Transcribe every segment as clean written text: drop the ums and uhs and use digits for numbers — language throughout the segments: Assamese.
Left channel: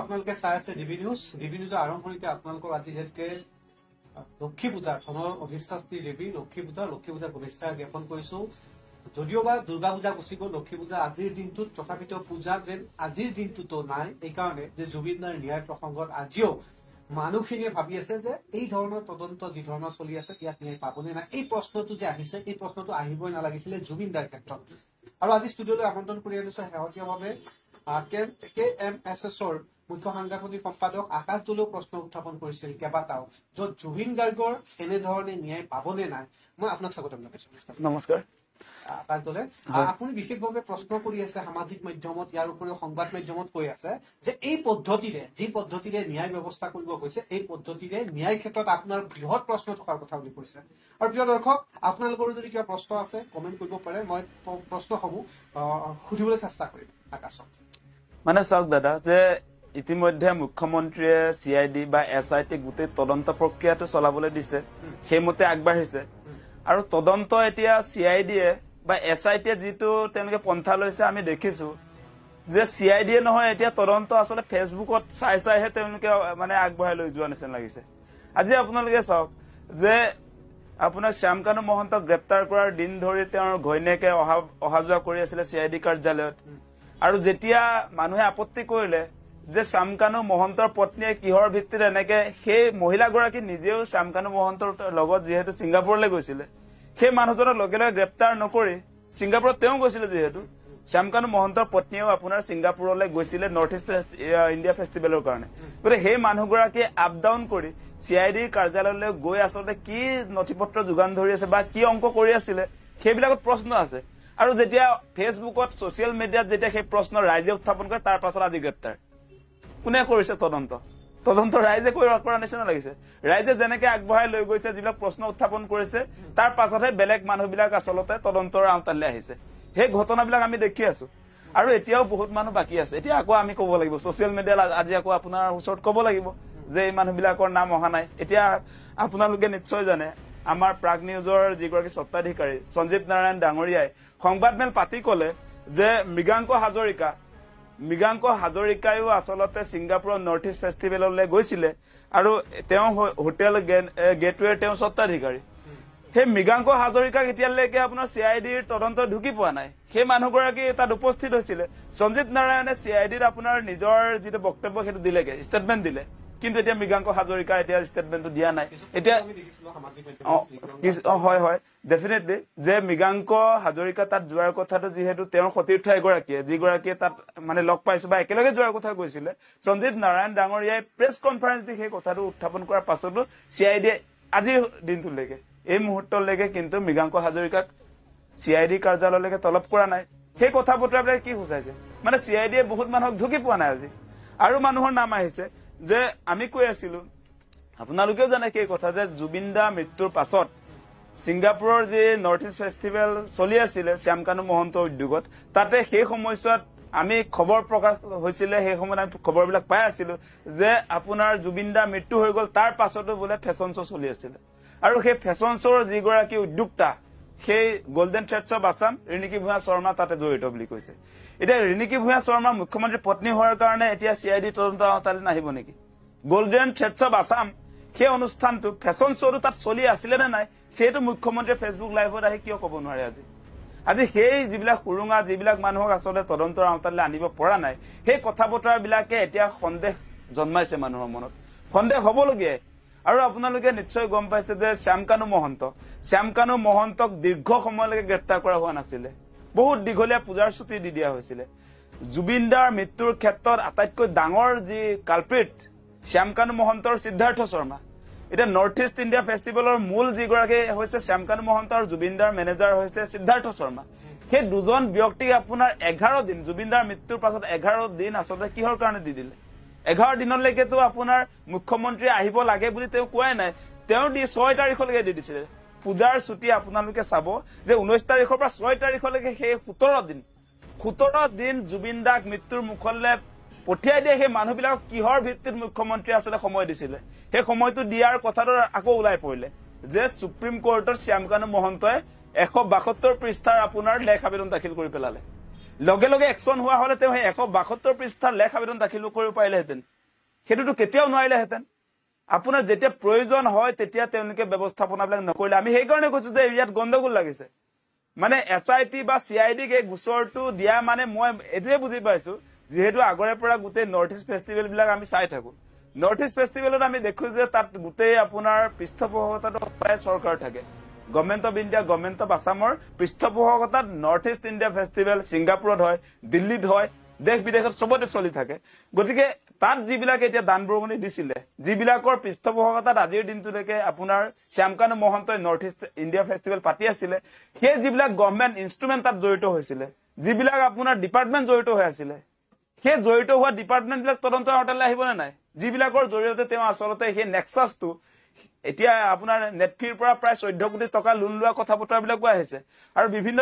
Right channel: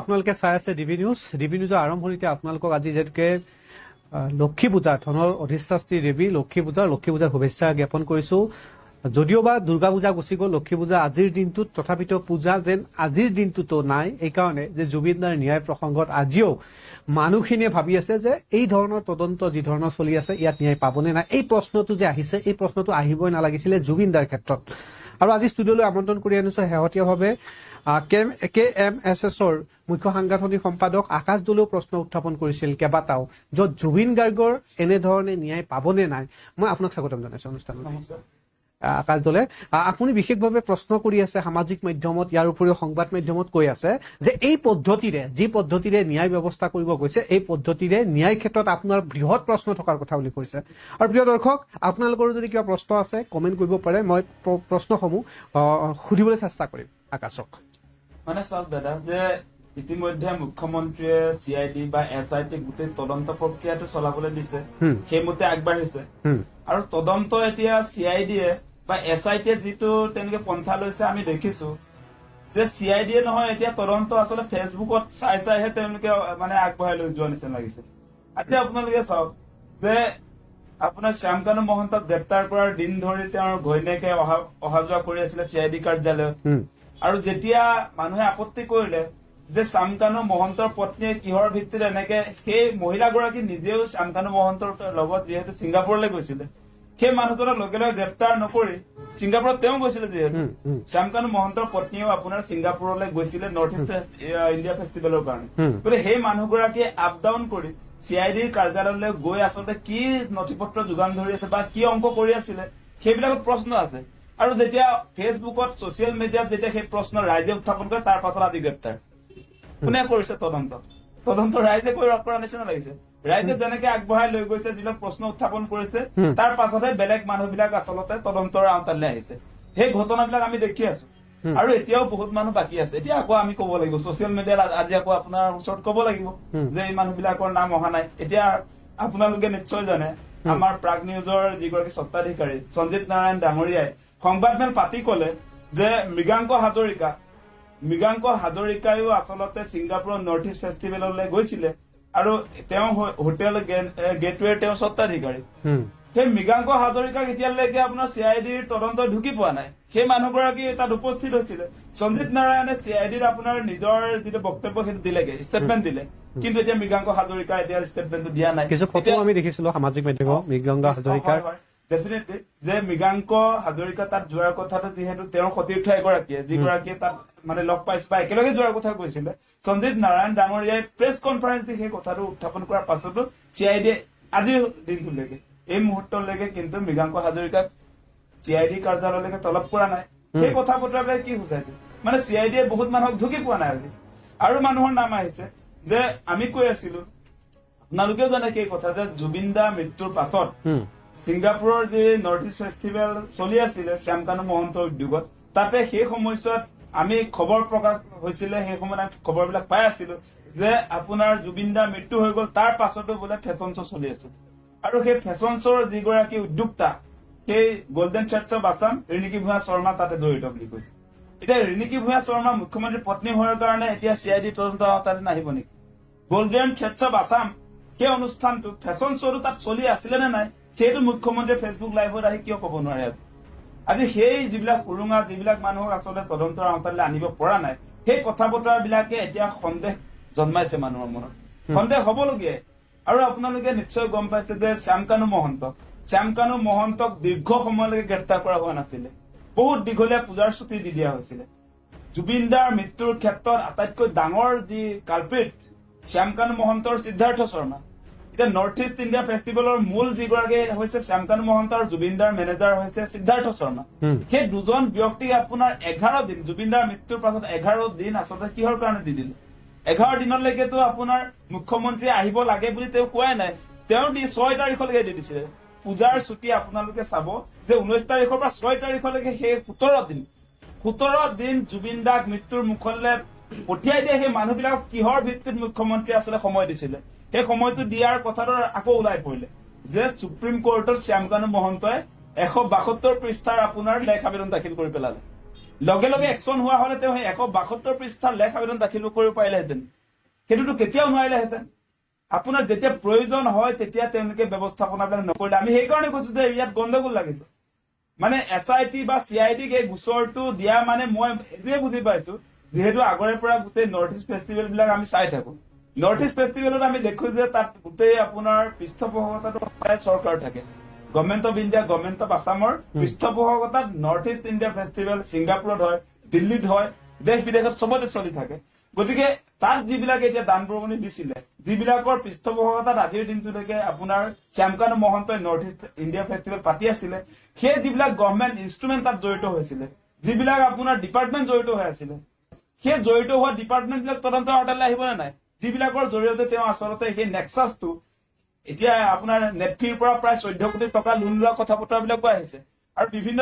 আপোনালোকে চাই আছে ডিবি নিউজৰ আৰম্ভণিতে আপোনালোকক আজি যেনেকৈ লক্ষী পূজা ধনৰ অধিষ্ঠাত্ৰী দেৱী লক্ষী পূজাৰ শুভেচ্ছা জ্ঞাপন কৰিছো যদিও বা দুৰ্গা পূজা গুচি গ'ল লক্ষী পূজা আজিৰ দিনটোত তথাপিতো পূজা যেন আজিৰ দিনটোতো নাই এই কাৰণে যে জুবিনদাৰ ন্যায় প্ৰসংগত আজিও মানুহখিনিয়ে ভাবি আছে যে এই ধৰণৰ তদন্ত যি ধৰণৰ চলি আছে ইয়াত ন্যায় পাবনে নাই এই প্ৰশ্নটো যে আহিছে এই প্ৰশ্নটো আহিবই নালাগিছিলে জুবিনদাৰ ক্ষেত্ৰত আৰু আজি ষ্টুডিঅ'লৈ আমন্ত্ৰণ কৰি আনিছো শেহতীয়াভাৱে KMSSৰ মুখ্য সাংগঠনিক সম্পাদক আকাশ দলেও প্ৰশ্ন উত্থাপন কৰিছিল কেবাটাও য'ত জুবিন গাৰ্গৰ এনেধৰণে ন্যায় পাবনে নাই মই আপোনাক স্বাগতম জনাইছো অনুষ্ঠানত নমস্কাৰ আকাশ দলে আপুনি বিশেষভাৱে প্ৰশ্ন কৰি আছে সামাজিক মাধ্যমত ইয়াৰ উপৰিও সংবাদ মাধ্যমত কৈ আছে যে এই পদ্ধতিৰে যি পদ্ধতিৰে ন্যায় ব্যৱস্থা কৰিব গৈছে এই পদ্ধতিৰে ন্যায় ক্ষেত্ৰত আপোনাৰ বৃহৎ প্ৰশ্ন থকাৰ কথা বুলি কৈছে আৰু প্ৰিয় দৰ্শক আপোনালোকৰ যদি কিবা প্ৰশ্ন আছে কমেন্ট কৰিব পাৰে মই প্ৰশ্নসমূহ সুধিবলৈ চেষ্টা কৰিম আকাশক মানে চাওক দাদা যে ইতিমধ্যে মুখ্যমন্ত্ৰীয়ে CID বা SIT গোটেই তদন্ত প্ৰক্ৰিয়াটো চলাবলৈ দিছে সেইমতে আগবাঢ়িছে আৰু তদন্ত এতিয়া CID বা SIT যিটো তেওঁলোকে পন্থা লৈছে আমি দেখিছো যে CID নহয় এতিয়া তদন্ত আসলে ফেসবুকত চাইহে তেওঁলোকে মানে আগবঢ়াই লৈ যোৱা নিচিনা লাগিছে আজি আপোনালোকে চাওক যে আপোনাৰ শ্যামকানু মহন্তক গ্ৰেপ্তাৰ কৰাৰ দিন ধৰি তেওঁৰ ঘৈণীয়েকে অহা যোৱা কৰি আছিল CID কাৰ্যালয়ত আৰু যেতিয়া মানুহে আপত্তি কৰিলে যে শ্যামকানু মহন্তৰ পত্নীয়ে কিহৰ ভিত্তিত এনেকে সেই মহিলাগৰাকী নিজেও শ্যামকানু মহন্তৰ লগত যেহেতু ছিংগাপুৰলৈ গৈছিলে সেই মানুহজনক লগে লগে গ্ৰেপ্তাৰ নকৰি ছিংগাপুৰত তেওঁ গৈছিলে যেহেতু শ্যামকানু মহন্তৰ পত্নীয়েও আপোনাৰ ছিংগাপুৰলৈ গৈছিলে নৰ্থ ইষ্ট ইণ্ডিয়া ফেষ্টিভেলৰ কাৰণে গতিকে সেই মানুহগৰাকীয়ে আপ ডাউন কৰি CIDৰ কাৰ্যালয়লৈ গৈ আচলতে কি নথিপত্ৰ যোগান ধৰি আছে বা কি অংক কৰি আছিলে সেইবিলাকত প্ৰশ্ন আছে আৰু যেতিয়া ফেচবুকত ছচিয়েল মিডিয়াত যেতিয়া সেই প্ৰশ্ন ৰাইজে উত্থাপন কৰে তাৰ পাছত আজি গ্ৰেপ্তাৰ কোনে কৰিছে তদন্ত ৰাইজে কৰা নিচিনা লাগিছে ৰাইজে যেনেকে আগবঢ়াই লৈ গৈছে যিবিলাক প্ৰশ্ন উত্থাপন কৰিছে তাৰ পাছতহে বেলেগ মানুহবিলাক আচলতে তদন্তৰ আওতালৈ আহিছে সেই ঘটনাবিলাক আমি দেখি আছো আৰু এতিয়াও বহুত মানুহ বাকি আছে এতিয়া আকৌ আমি ক'ব লাগিব ছচিয়েল মিডিয়াত আজি আকৌ আপোনাৰ ওচৰত ক'ব লাগিব যে এই মানুহবিলাকৰ নাম অহা নাই এতিয়া আপোনালোকে নিশ্চয় জানে আমাৰ প্ৰাগ নিউজৰ যিগৰাকী স্বত্বাধিকাৰী সঞ্জিত নাৰায়ণ ডাঙৰীয়াই সংবাদমেল পাতি ক'লে যে মৃগাংক হাজৰিকায়ো আচলতে ছিংগাপুৰৰ নৰ্থ ইষ্ট ফেষ্টিভেললৈ গৈছিলে আৰু তেওঁ হোটেল গেটৱেৰ তেওঁ স্বত্বাধিকাৰী সেই মৃগাংক হাজৰিকাক এতিয়ালৈকে আপোনাৰ CIDৰ তদন্ত ঢুকি পোৱা নাই সেই মানুহগৰাকী তাত উপস্থিত হৈছিলে সঞ্জিত নাৰায়ণে CIDৰ আপোনাৰ নিজৰ যিটো বক্তব্য সেইটো দিলেগে ষ্টেটমেণ্ট দিলে কিন্তু এতিয়া মৃগাংক হাজৰিকা এতিয়া ষ্টেটমেণ্টটো দিয়া নাই এতিয়া আমি দেখিছিলো সামাজিক মাধ্যমত মৃগাংক হাজৰিকা হয় ডেফিনেটলি যে মৃগাংক হাজৰিকা তাত যোৱাৰ কথাটো যিহেতু তেওঁৰ সতীৰ্থ এগৰাকীয়ে যিগৰাকীয়ে তাত মানে লগ পাইছে বা একেলগে যোৱাৰ কথা কৈছিলে সঞ্জিত নাৰায়ণ ডাঙৰীয়াই প্ৰেছ কনফাৰেন্স দি সেই কথাটো উত্থাপন কৰাৰ পাছতো CID আজিৰ দিনটোলৈকে এই মুহূৰ্তলৈকে কিন্তু মৃগাংক হাজৰিকাক CID কাৰ্যালয়লৈকে তলব কৰা নাই সেই কথা বতৰাবিলাক কি বুজাইছে মানে CID বহুত মানুহক ঢুকি পোৱা নাই আজি আৰু মানুহৰ নাম আহিছে যে আমি কৈ আছিলো আপোনালোকেও জানে কি কথা যে জুবিনদা মৃত্যুৰ পাছত ছিংগাপুৰৰ যি নৰ্থ ইষ্ট ফেষ্টিভেল চলি আছিল শ্যামকানু মহন্ত উদ্যোগত তাতে সেই সময়ছোৱাত আমি খবৰ প্ৰকাশ হৈছিলে সেই সময়ত খবৰবিলাক পাই আছিলো যে আপোনাৰ জুবিনদা মৃত্যু হৈ গ'ল তাৰ পাছতো বোলে ফেশ্বন শ্ব' চলি আছিল আৰু সেই ফেশ্বন শ্ব'ৰ যিগৰাকী উদ্যোক্তা সেই golden threads of Assam Riniki Bhuyan Sarma তাতে জড়িত বুলি কৈছে এতিয়া ৰিণিকী ভূঞা শৰ্মা মুখ্যমন্ত্ৰীৰ পত্নী হোৱাৰ কাৰণে এতিয়া CID তদন্ত আওতালৈ নাহিব নেকি গোল্ডেন থ্ৰেডছ অফ আছাম সেই অনুষ্ঠানটো ফেশ্বন শ্ব'টো তাত চলি আছিলে নে নাই সেইটো মুখ্যমন্ত্ৰীয়ে ফেচবুক লাইভত আহি কিয় ক'ব নোৱাৰে আজি সেই যিবিলাক সুৰুঙা যিবিলাক মানুহক আচলতে তদন্তৰ আওতালৈ আনিব পৰা নাই সেই কথা বতৰাবিলাকে এতিয়া সন্দেহ জন্মাইছে মানুহৰ মনত সন্দেহ হ'বলগীয়া আৰু আপোনালোকে নিশ্চয় গম পাইছে যে শ্যামকানু মহন্তক দীৰ্ঘ সময়লৈকে গ্ৰেপ্তাৰ কৰা হোৱা নাছিলে বহুত দীঘলীয়া পূজাৰ ছুটি দি দিয়া হৈছিলে জুবিনদাৰ মৃত্যুৰ ক্ষেত্ৰত আটাইতকৈ ডাঙৰ যি কালপ্ৰিট শ্যামকানু মহন্তৰ সিদ্ধাৰ্থ শৰ্মা এতিয়া নৰ্থ ইষ্ট ইণ্ডিয়া ফেষ্টিভেলৰ মূল যিগৰাকী হৈছে শ্যামকানু মহন্ত আৰু জুবিনদাৰ মেনেজাৰ হৈছে সিদ্ধাৰ্থ শৰ্মা সেই দুজন ব্যক্তিক আপোনাৰ 11 দিন জুবিনদাৰ মৃত্যুৰ পাছত 11 দিন আচলতে কিহৰ কাৰণে দি দিলে 11 দিনলৈকেতো আপোনাৰ মুখ্যমন্ত্ৰী আহিব লাগে বুলি তেওঁ কোৱাই নাই তেওঁ 6 তাৰিখলৈকে দি দিছিলে পূজাৰ ছুটি আপোনালোকে চাব যে 19 তাৰিখৰ পৰা 6 তাৰিখলৈকে সেই 17 দিন জুবিনদাক মৃত্যুৰ মুখলৈ পঠিয়াই দিয়ে সেই মানুহবিলাক কিহৰ ভিত্তিত মুখ্যমন্ত্ৰী আচলতে সময় দিছিলে সেই সময়টো দিয়াৰ কথাটো আকৌ ওলাই পৰিলে যে সুপ্ৰিম কোৰ্টত শ্যামকানু মহন্তই 172 পৃষ্ঠাৰ আপোনাৰ লেখ আবেদন দাখিল কৰি পেলালে লগে লগে একশন হোৱা হলে তেওঁ 172 পৃষ্ঠাৰ লেখ আবেদন দাখিল কৰিব পাৰিলেহেঁতেন সেইটোতো কেতিয়াও নোৱাৰিলেহেঁতেন আপোনাৰ যেতিয়া প্ৰয়োজন হয় তেতিয়া তেওঁলোকে ব্যৱস্থাপনাবিলাক নকৰিলে আমি সেইকাৰণে কৈছো যে ইয়াত গণ্ডগোল লাগিছে মানে এসআইটি বা সিআইডি কে গুছৰটো দিয়া মানে মই এটোৱে বুজি পাইছো যেহেতু আগৰে পৰা গোটেই নৰ্থ ইষ্ট ফেষ্টিভেল বিলাক আমি চাই থাকো নৰ্থ ইষ্ট ফেষ্টিভেলত আমি দেখো যে তাত গোটেই আপোনাৰ পৃষ্ঠপোষকতাটো চৰকাৰ থাকে government of India government of আসামৰ পৃষ্ঠপোষকতাত নৰ্থ ইষ্ট ইণ্ডিয়া ফেষ্টিভেল সিংগাপুৰত হয় দিল্লীত হয় দেশ বিদেশত সবতে চলি থাকে গতিকে তাত যিবিলাক এতিয়া দান বৰঙণি দিছিলে যিবিলাকৰ পৃষ্ঠপোষকতাত আজিৰ দিনটোলৈকে আপোনাৰ শ্যামকানু মহন্তই নৰ্থ ইষ্ট ইণ্ডিয়া ফেষ্টিভেল পাতি আছিলে সেই যিবিলাক গভৰ্নমেন্ট ইনষ্ট্ৰুমেন্ট তাত জড়িত হৈছিলে যিবিলাক আপোনাৰ ডিপাৰ্টমেন্ট জড়িত হৈ আছিলে সেই জড়িত হোৱা ডিপাৰ্টমেন্ট বিলাক তদন্তৰ আওতালৈ আহিব না নাই যিবিলাকৰ জৰিয়তে তেওঁ আচলতে সেই নেক্সাছটো এতিয়া আপোনাৰ নেটফিৰ পৰা প্ৰায় 14 কোটি টকা লোন লোৱা কথা বতৰাবিলাক আহিছে আৰু বিভিন্ন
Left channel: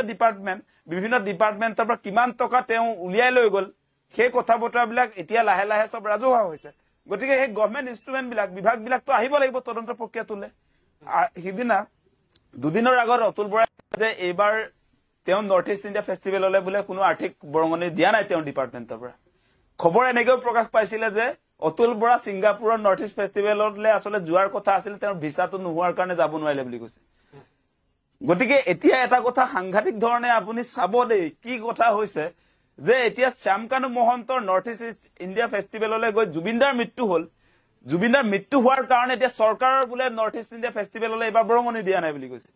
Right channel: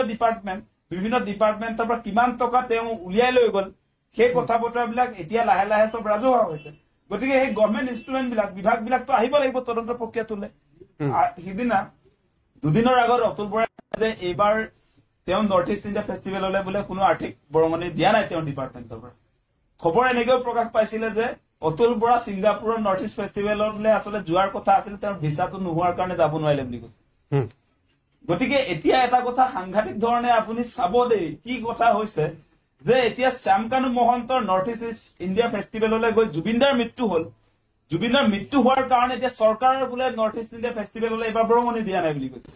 ডিপাৰ্টমেন্টৰ পৰা কিমান টকা তেওঁ উলিয়াই লৈ গল সেই কথা বতৰাবিলাক এতিয়া লাহে লাহে সব ৰাজহুৱা হৈছে গতিকে সেই গভৰ্নমেন্ট ইনষ্ট্ৰুমেন্ট বিলাক বিভাগ বিলাকতো আহিব লাগিব তদন্ত প্ৰক্ৰিয়াটোলে সিদিনা দুদিনৰ আগত অতুল বৰাই যে এইবাৰ তেওঁ নৰ্থ ইষ্ট ইণ্ডিয়া ফেষ্টিভেললৈ বোলে কোনো আৰ্থিক বৰঙণি দিয়া নাই তেওঁ ডিপাৰ্টমেন্টৰ পৰা খবৰ এনেকৈ প্ৰকাশ পাইছিলে যে অতুল বৰা সিংগাপুৰৰ নৰ্থ ইষ্ট ফেষ্টিভেললৈ আসলে যোৱাৰ কথা আছিল তেওঁৰ ভিসাটো নোহোৱাৰ কাৰণে যাব নোৱাৰিলে বুলি কৈছে গতিকে এতিয়া এটা কথা সাংঘাতিক ধৰণে আপুনি চাব দেই কি কথা হৈছে যে এতিয়া শ্যামকানু মহন্তৰ নৰ্থ ইষ্ট ইণ্ডিয়া ফেষ্টিভেললৈ গৈ জুবিনদাৰ মৃত্যু হল জুবিনদাৰ মৃত্যু হোৱাৰ কাৰণে এতিয়া চৰকাৰৰ বোলে নৰ্থ ইষ্ট ইণ্ডিয়া ফেষ্টিভেললৈ এবাৰ বৰঙণি দিয়া নাই বুলি কৈছে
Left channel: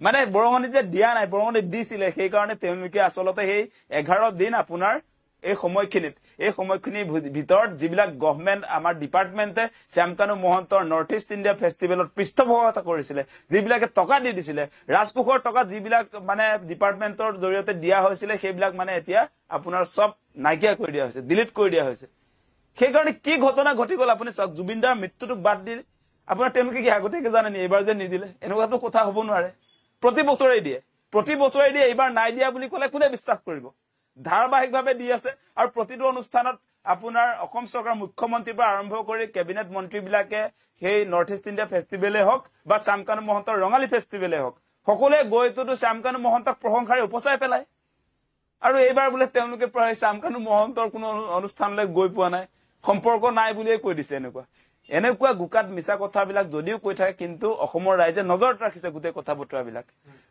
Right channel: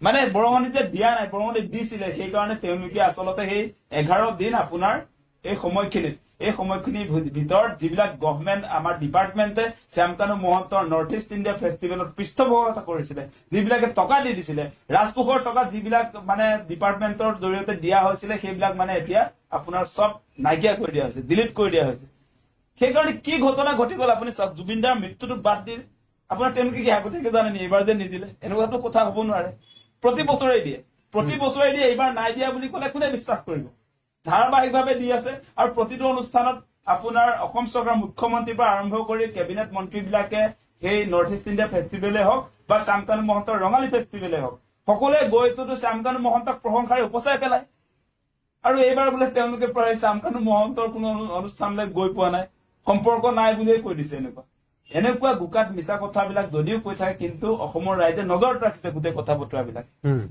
মানে বৰঙণি যে দিয়া নাই বৰঙণি দিছিলে সেই কাৰণে তেওঁলোকে আসলতে সেই 11 দিন আপোনাৰ এই সময়খিনিৰ ভিতৰত যিবিলাক গভৰ্নমেন্ট আমাৰ ডিপাৰ্টমেন্টে শ্যামকানু মহন্তৰ নৰ্থ ইষ্ট ইণ্ডিয়া ফেষ্টিভেলত পৃষ্ঠপোষকতা কৰিছিলে যিবিলাকে টকা দি দিছিলে ৰাজকোষৰ টকা যিবিলাক মানে ডিপাৰ্টমেন্টৰ জৰিয়তে দিয়া হৈছিলে সেইবিলাক মানে এতিয়া আপোনাৰ সব নাইকিয়া কৰি দিয়া হৈছে ডিলিট কৰি দিয়া হৈছে সেইকাৰণে কি ঘটনা ঘটি গল আপুনি চাওক জুবিনদাৰ মৃত্যুটো বাদ দি আপোনাৰ তেওঁলোকে কি আগতীয়াকৈ জানেনি এইবাৰ যে নিদিলে এনেকুৱাটো কথা হ'ব নোৱাৰে প্ৰতি বছৰে দিয়ে এইবাৰ নাই দিয়া বুলি ক'লে কোনে বিশ্বাস কৰিব ধাৰাবাহিকভাৱে দি আছে আৰু প্ৰতিটো অনুষ্ঠানত আপোনাৰ অসম চৰকাৰ মুখ্যমন্ত্ৰীৰ পৰা আৰম্ভ কৰি কেবিনেট মন্ত্ৰীবিলাকে সেই নৰ্থ ইষ্ট ইণ্ডিয়া ফেষ্টিভেলে হওক বা শ্যামকানু মহন্তৰ ৰঙালী ফেষ্টিভেলে হওক সকলোৱে গৈতো শ্যামকানু মহন্তক প্ৰশংসাৰে উপচাই পেলায় আৰু এইবাৰ বোলে তেওঁলোকে প্ৰায় শ্যামকানু মহন্তৰ কোনো অনুষ্ঠানলৈ গৈ পোৱা নাই সম্পৰ্ক নাই বুলিয়ে কৈ দিছে এনেকুৱা গুকাত মিছা কথাবিলাক যদিও কৈ থাকে কিন্তু অসমৰ ৰাইজে নজৰত ৰাখিছে গোটেই কথা বতৰাবিলাক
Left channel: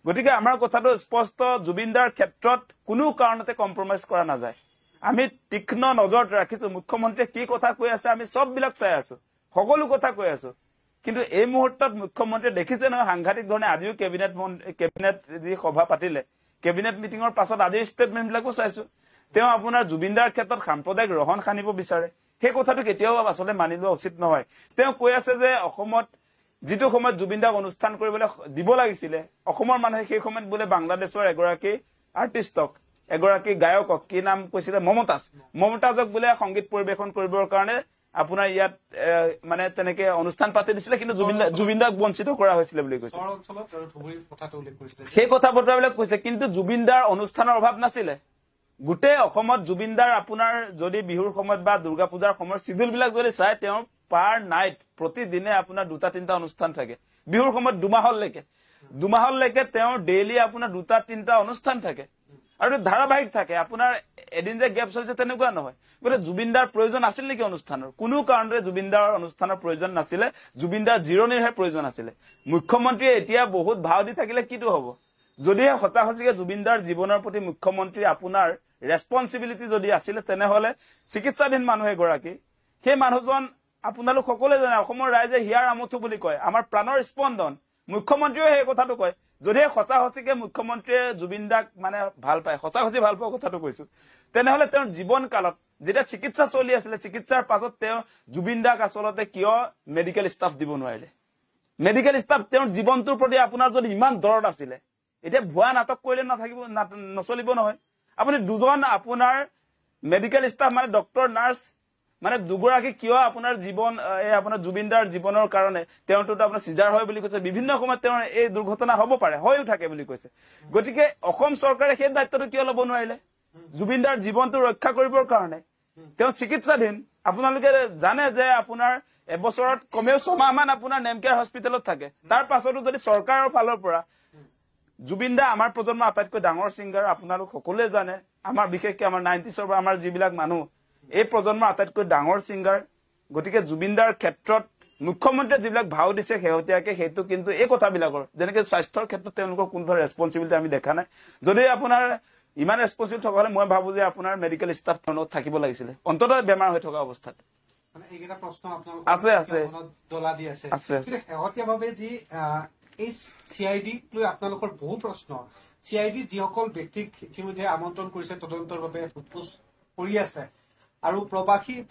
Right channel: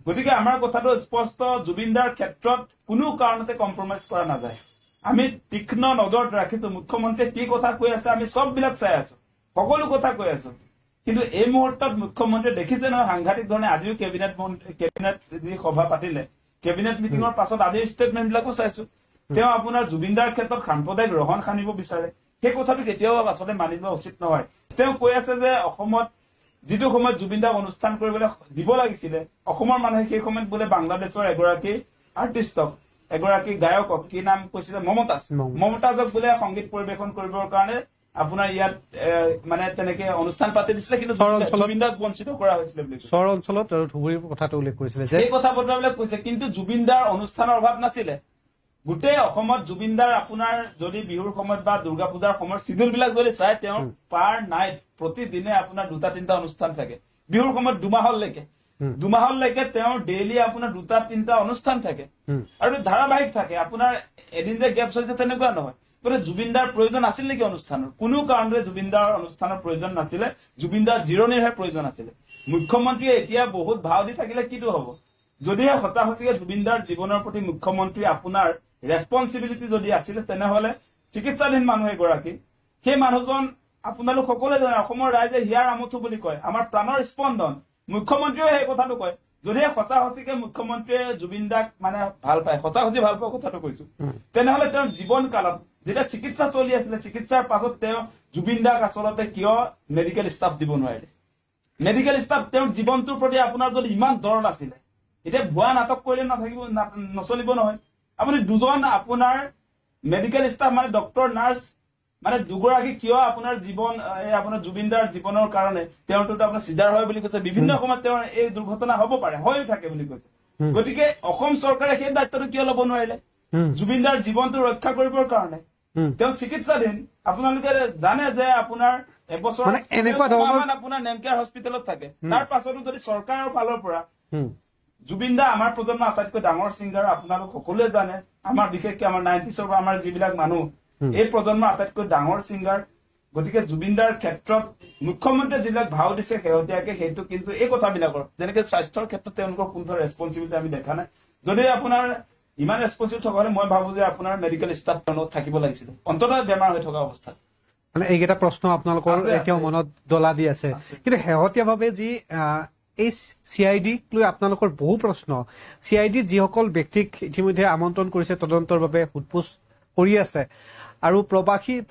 গতিকে আমাৰ কথাটো স্পষ্ট জুবিনদাৰ ক্ষেত্ৰত কোনো কাৰণতে কম্প্ৰমাইজ কৰা নাযায় আমি তীক্ষ্ণ নজৰত ৰাখিছো মুখ্যমন্ত্ৰীয়ে কি কথা কৈ আছে আমি সববিলাক চাই আছো সকলো কথা কৈ আছো কিন্তু এই মুহূৰ্তত মুখ্যমন্ত্ৰীয়ে দেখিছে নহয় সাংঘাতিক ধৰণে আজিও কেবিনেট যি সভা পাতিলে কেবিনেট মিটিঙৰ পাছত আজি ষ্টেটমেণ্টবিলাকো চাইছো তেওঁ আপোনাৰ জুবিনদাৰ ক্ষেত্ৰত সাম্প্ৰদায়িক ৰহণ খানিব বিচাৰে সেই কথাটো কেতিয়াও আসলে মানি লোৱা উচিত নহয় তেওঁ কৈ আছে যে অসমত যিটো সময়ত জুবিনদাক অনুষ্ঠান কৰিবলৈ দিব লাগিছিলে অসমৰ মানুহে সেই সময়ত বোলে বাংলাদেশৰ এগৰাকী আৰ্টিষ্টক এগৰাকী গায়কক কি নাম কৈছিলে মমতাজক বোলে সংগীত পৰিবেশন কৰিবৰ কাৰণে আপোনাৰ ইয়াত মানে তেনেকে অনুষ্ঠান পাতি দিছিলে কিন্তু জুবিনদাক বঞ্চিত কৰা হৈছিলে বুলি কৈছে চৰ অঞ্চলত আৰু ধুবুৰীৰ কথাটো উল্লেখ কৰিছিলে সেই কথা বতৰাবিলাক কৈছে কিন্তু জুবিনদাৰ অনুষ্ঠানৰ অভাৱ নাছিলে গোটেই অসমত জুবিনদাৰ আপোনাৰ যদি বিহুৰ সময়ত বা দুৰ্গা পূজাৰ সময়ত শিডিউল বিলাক যদি চাই তেওঁ পাৰ নাইট প্ৰতিদিনে আপোনাৰ 2-3টা অনুষ্ঠান থাকে বিহুৰ সময়ত দুমাহলৈকে তেওঁ ডেইলি আপোনাৰ 2-3টা অনুষ্ঠান থাকে আৰু ধাৰাবাহিক থাকে আপোনাৰ এদিন যে গেপছ হৈছে তেনেকুৱা নহয় গতিকে জুবিনদাৰ প্ৰয়োজন আছিল নেকি অনুষ্ঠানৰ কোনো কাৰণৰে জুবিনদাৰ অনুষ্ঠানৰ প্ৰয়োজন নাছিলে জুবিনদাৰ জিৰণিৰহে প্ৰয়োজন আছিলে মুখ্যমন্ত্ৰীয়ে এতিয়া বহুত ভাও দি থাকিলে কিটো হ'ব যদিহে সঁচাসঁচিকে জুবিনদাৰ জীৱনৰ প্ৰতি মুখ্যমন্ত্ৰী আপোনাৰ ৰেছপন্সিবিলিটি যদি আছিল তেনেহলে চিকিৎসাধীন মানুহ এগৰাকী সেই মানুহজন আপোনালোক সকলোৱে জানে অসমৰ ৰাইজে হিয়াৰ আমঠু বুলি কয় আমাৰ প্ৰাণৰ স্পন্দন মুখ্যমন্ত্ৰীয়ে সেই কথাটো কয় যদিহে সঁচাসঁচিকে মুখ্যমন্ত্ৰীয়ে জুবিনদাক মানে ভাল পায় সঁচাসঁচি ভাল পোৱা কথাটো কৈছো তেনেহলে তেওঁৰ জীৱন কালত যেতিয়া চিকিৎসা চলি আছিলে চিকিৎসাৰ পাছত তেওঁ জুবিনদাক আচলতে কিয় মেডিকেল ষ্টাফ দিব নোৱাৰিলে মেডিকেল ষ্টাফ তেওঁৰ জীৱনটোৰ প্ৰতি আপোনাৰ যদি ইমান দৰদ আছিলে এতিয়া ভুৱা নাটক কৰিলে নচলিব নহয় আপুনি দুজন আপোনাৰ মেডিকেল ষ্টাফ মানে ডক্টৰ নাৰ্ছ মানে দুগৰাকী কিয় আপোনাৰ জীৱন আপোনাৰ জুবিনদাৰ জীৱনৰ কাৰণে তেওঁটো আপোনাৰ সিজাৰ হয় বুলি কৈছে বিভিন্ন সময়ত তেওঁৰ এই দুৰ্ঘটনা হ'ব পাৰে হৈও থাকে বুলি কৈছে গতিকে অসম চৰকাৰে সেই দায়িত্বটো কিয় ল'ব নোৱাৰিলে জুবিনদাৰ জীৱনটো ৰক্ষা কৰিবৰ কাৰণে তেওঁ চিকিৎসাধীন আপোনালোকে জানে যে আপোনাৰ এবছৰ আপোনাৰ নেমকেয়াৰ হস্পিটেলত থাকে তাৰ পাছতো যদি চৰকাৰৰ ফালৰ পৰা জুবিন দা আমাৰ প্ৰজন্মৰ আটাইতকৈ ডাঙৰ ছিংগাৰ আপোনালোক সকলোৱে জানে আমাৰ বিশেষকৈ আমাৰ 90s পৰা আমাৰ যিবিলাক মানুহ এই প্ৰজন্মৰ আটাইতকৈ ডাঙৰ ছিংগাৰ গতিকে জুবিন দাৰ ক্ষেত্ৰত মুখ্যমন্ত্ৰীয়ে যিবিলাক ভাও দিছে শেহতীয়াকে সেইটো কিন্তু এই কথাবিলাকৰ যেনেকে স্বাস্থ্যৰ ক্ষেত্ৰত তেওঁলোকৰ কোনো ৰেছপন্সিবিলিটি আমি দেখা নাই যদি আপোনাৰ ইমান ৰেছপন্সিবল থকা হলে মই ভাবো যে আপোনাৰ মেডিকেল ষ্টাফ তেওঁলোক থাকিব লাগিছিল অন্ততঃ বেমাৰ হৈ থকা অৱস্থাত মানে এইকেইটা প্ৰশ্ন আপোনালোকৰ এতিয়াও মনত দলা দি আছে কিন্তু শেহতীয়াভাৱে যি এই CID লৈ আপোনালোকৰ বহু প্ৰশ্ন CID যিসকল ব্যক্তিক ইতিমধ্যে আমন্ত্ৰণ কৰিছে তদন্তৰ বাবে সোধপোছ কৰি আছে আৰু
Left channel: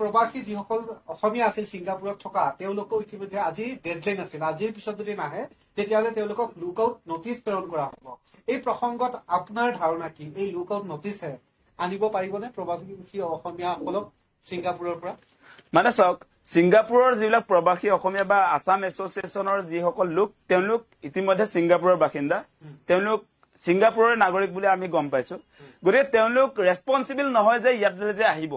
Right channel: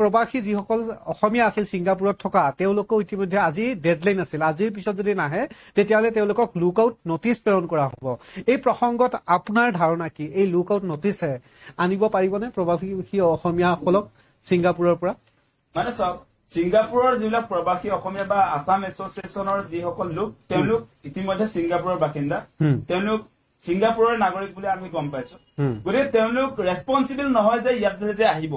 প্ৰবাসী যিসকল অসমীয়া আছিল ছিংগাপুৰত থকা তেওঁলোকক ইতিমধ্যে আজি ডেডলাইন আছিল আজিৰ পিছত যদি নাহে তেতিয়াহ'লে তেওঁলোকক লুক আউট নটিচ প্ৰেৰণ কৰা হ'ব এই প্ৰসংগত আপোনাৰ ধাৰণা কি এই লুক আউট নটিচে আনিব পাৰিবনে প্ৰবাসী অসমীয়াসকলক ছিংগাপুৰৰ পৰা মানে চাওক ছিংগাপুৰৰ যিবিলাক প্ৰবাসী অসমীয়া বা আসাম এছ'চিয়েশ্যনৰ যিসকল লোক তেওঁলোক ইতিমধ্যে ছিংগাপুৰৰ বাসিন্দা তেওঁলোক ছিংগাপুৰৰ নাগৰিক বুলি আমি গম পাইছো গতিকে তেওঁলোক ৰেছপন্সিবল নহয় যে ইয়াত যে আহিব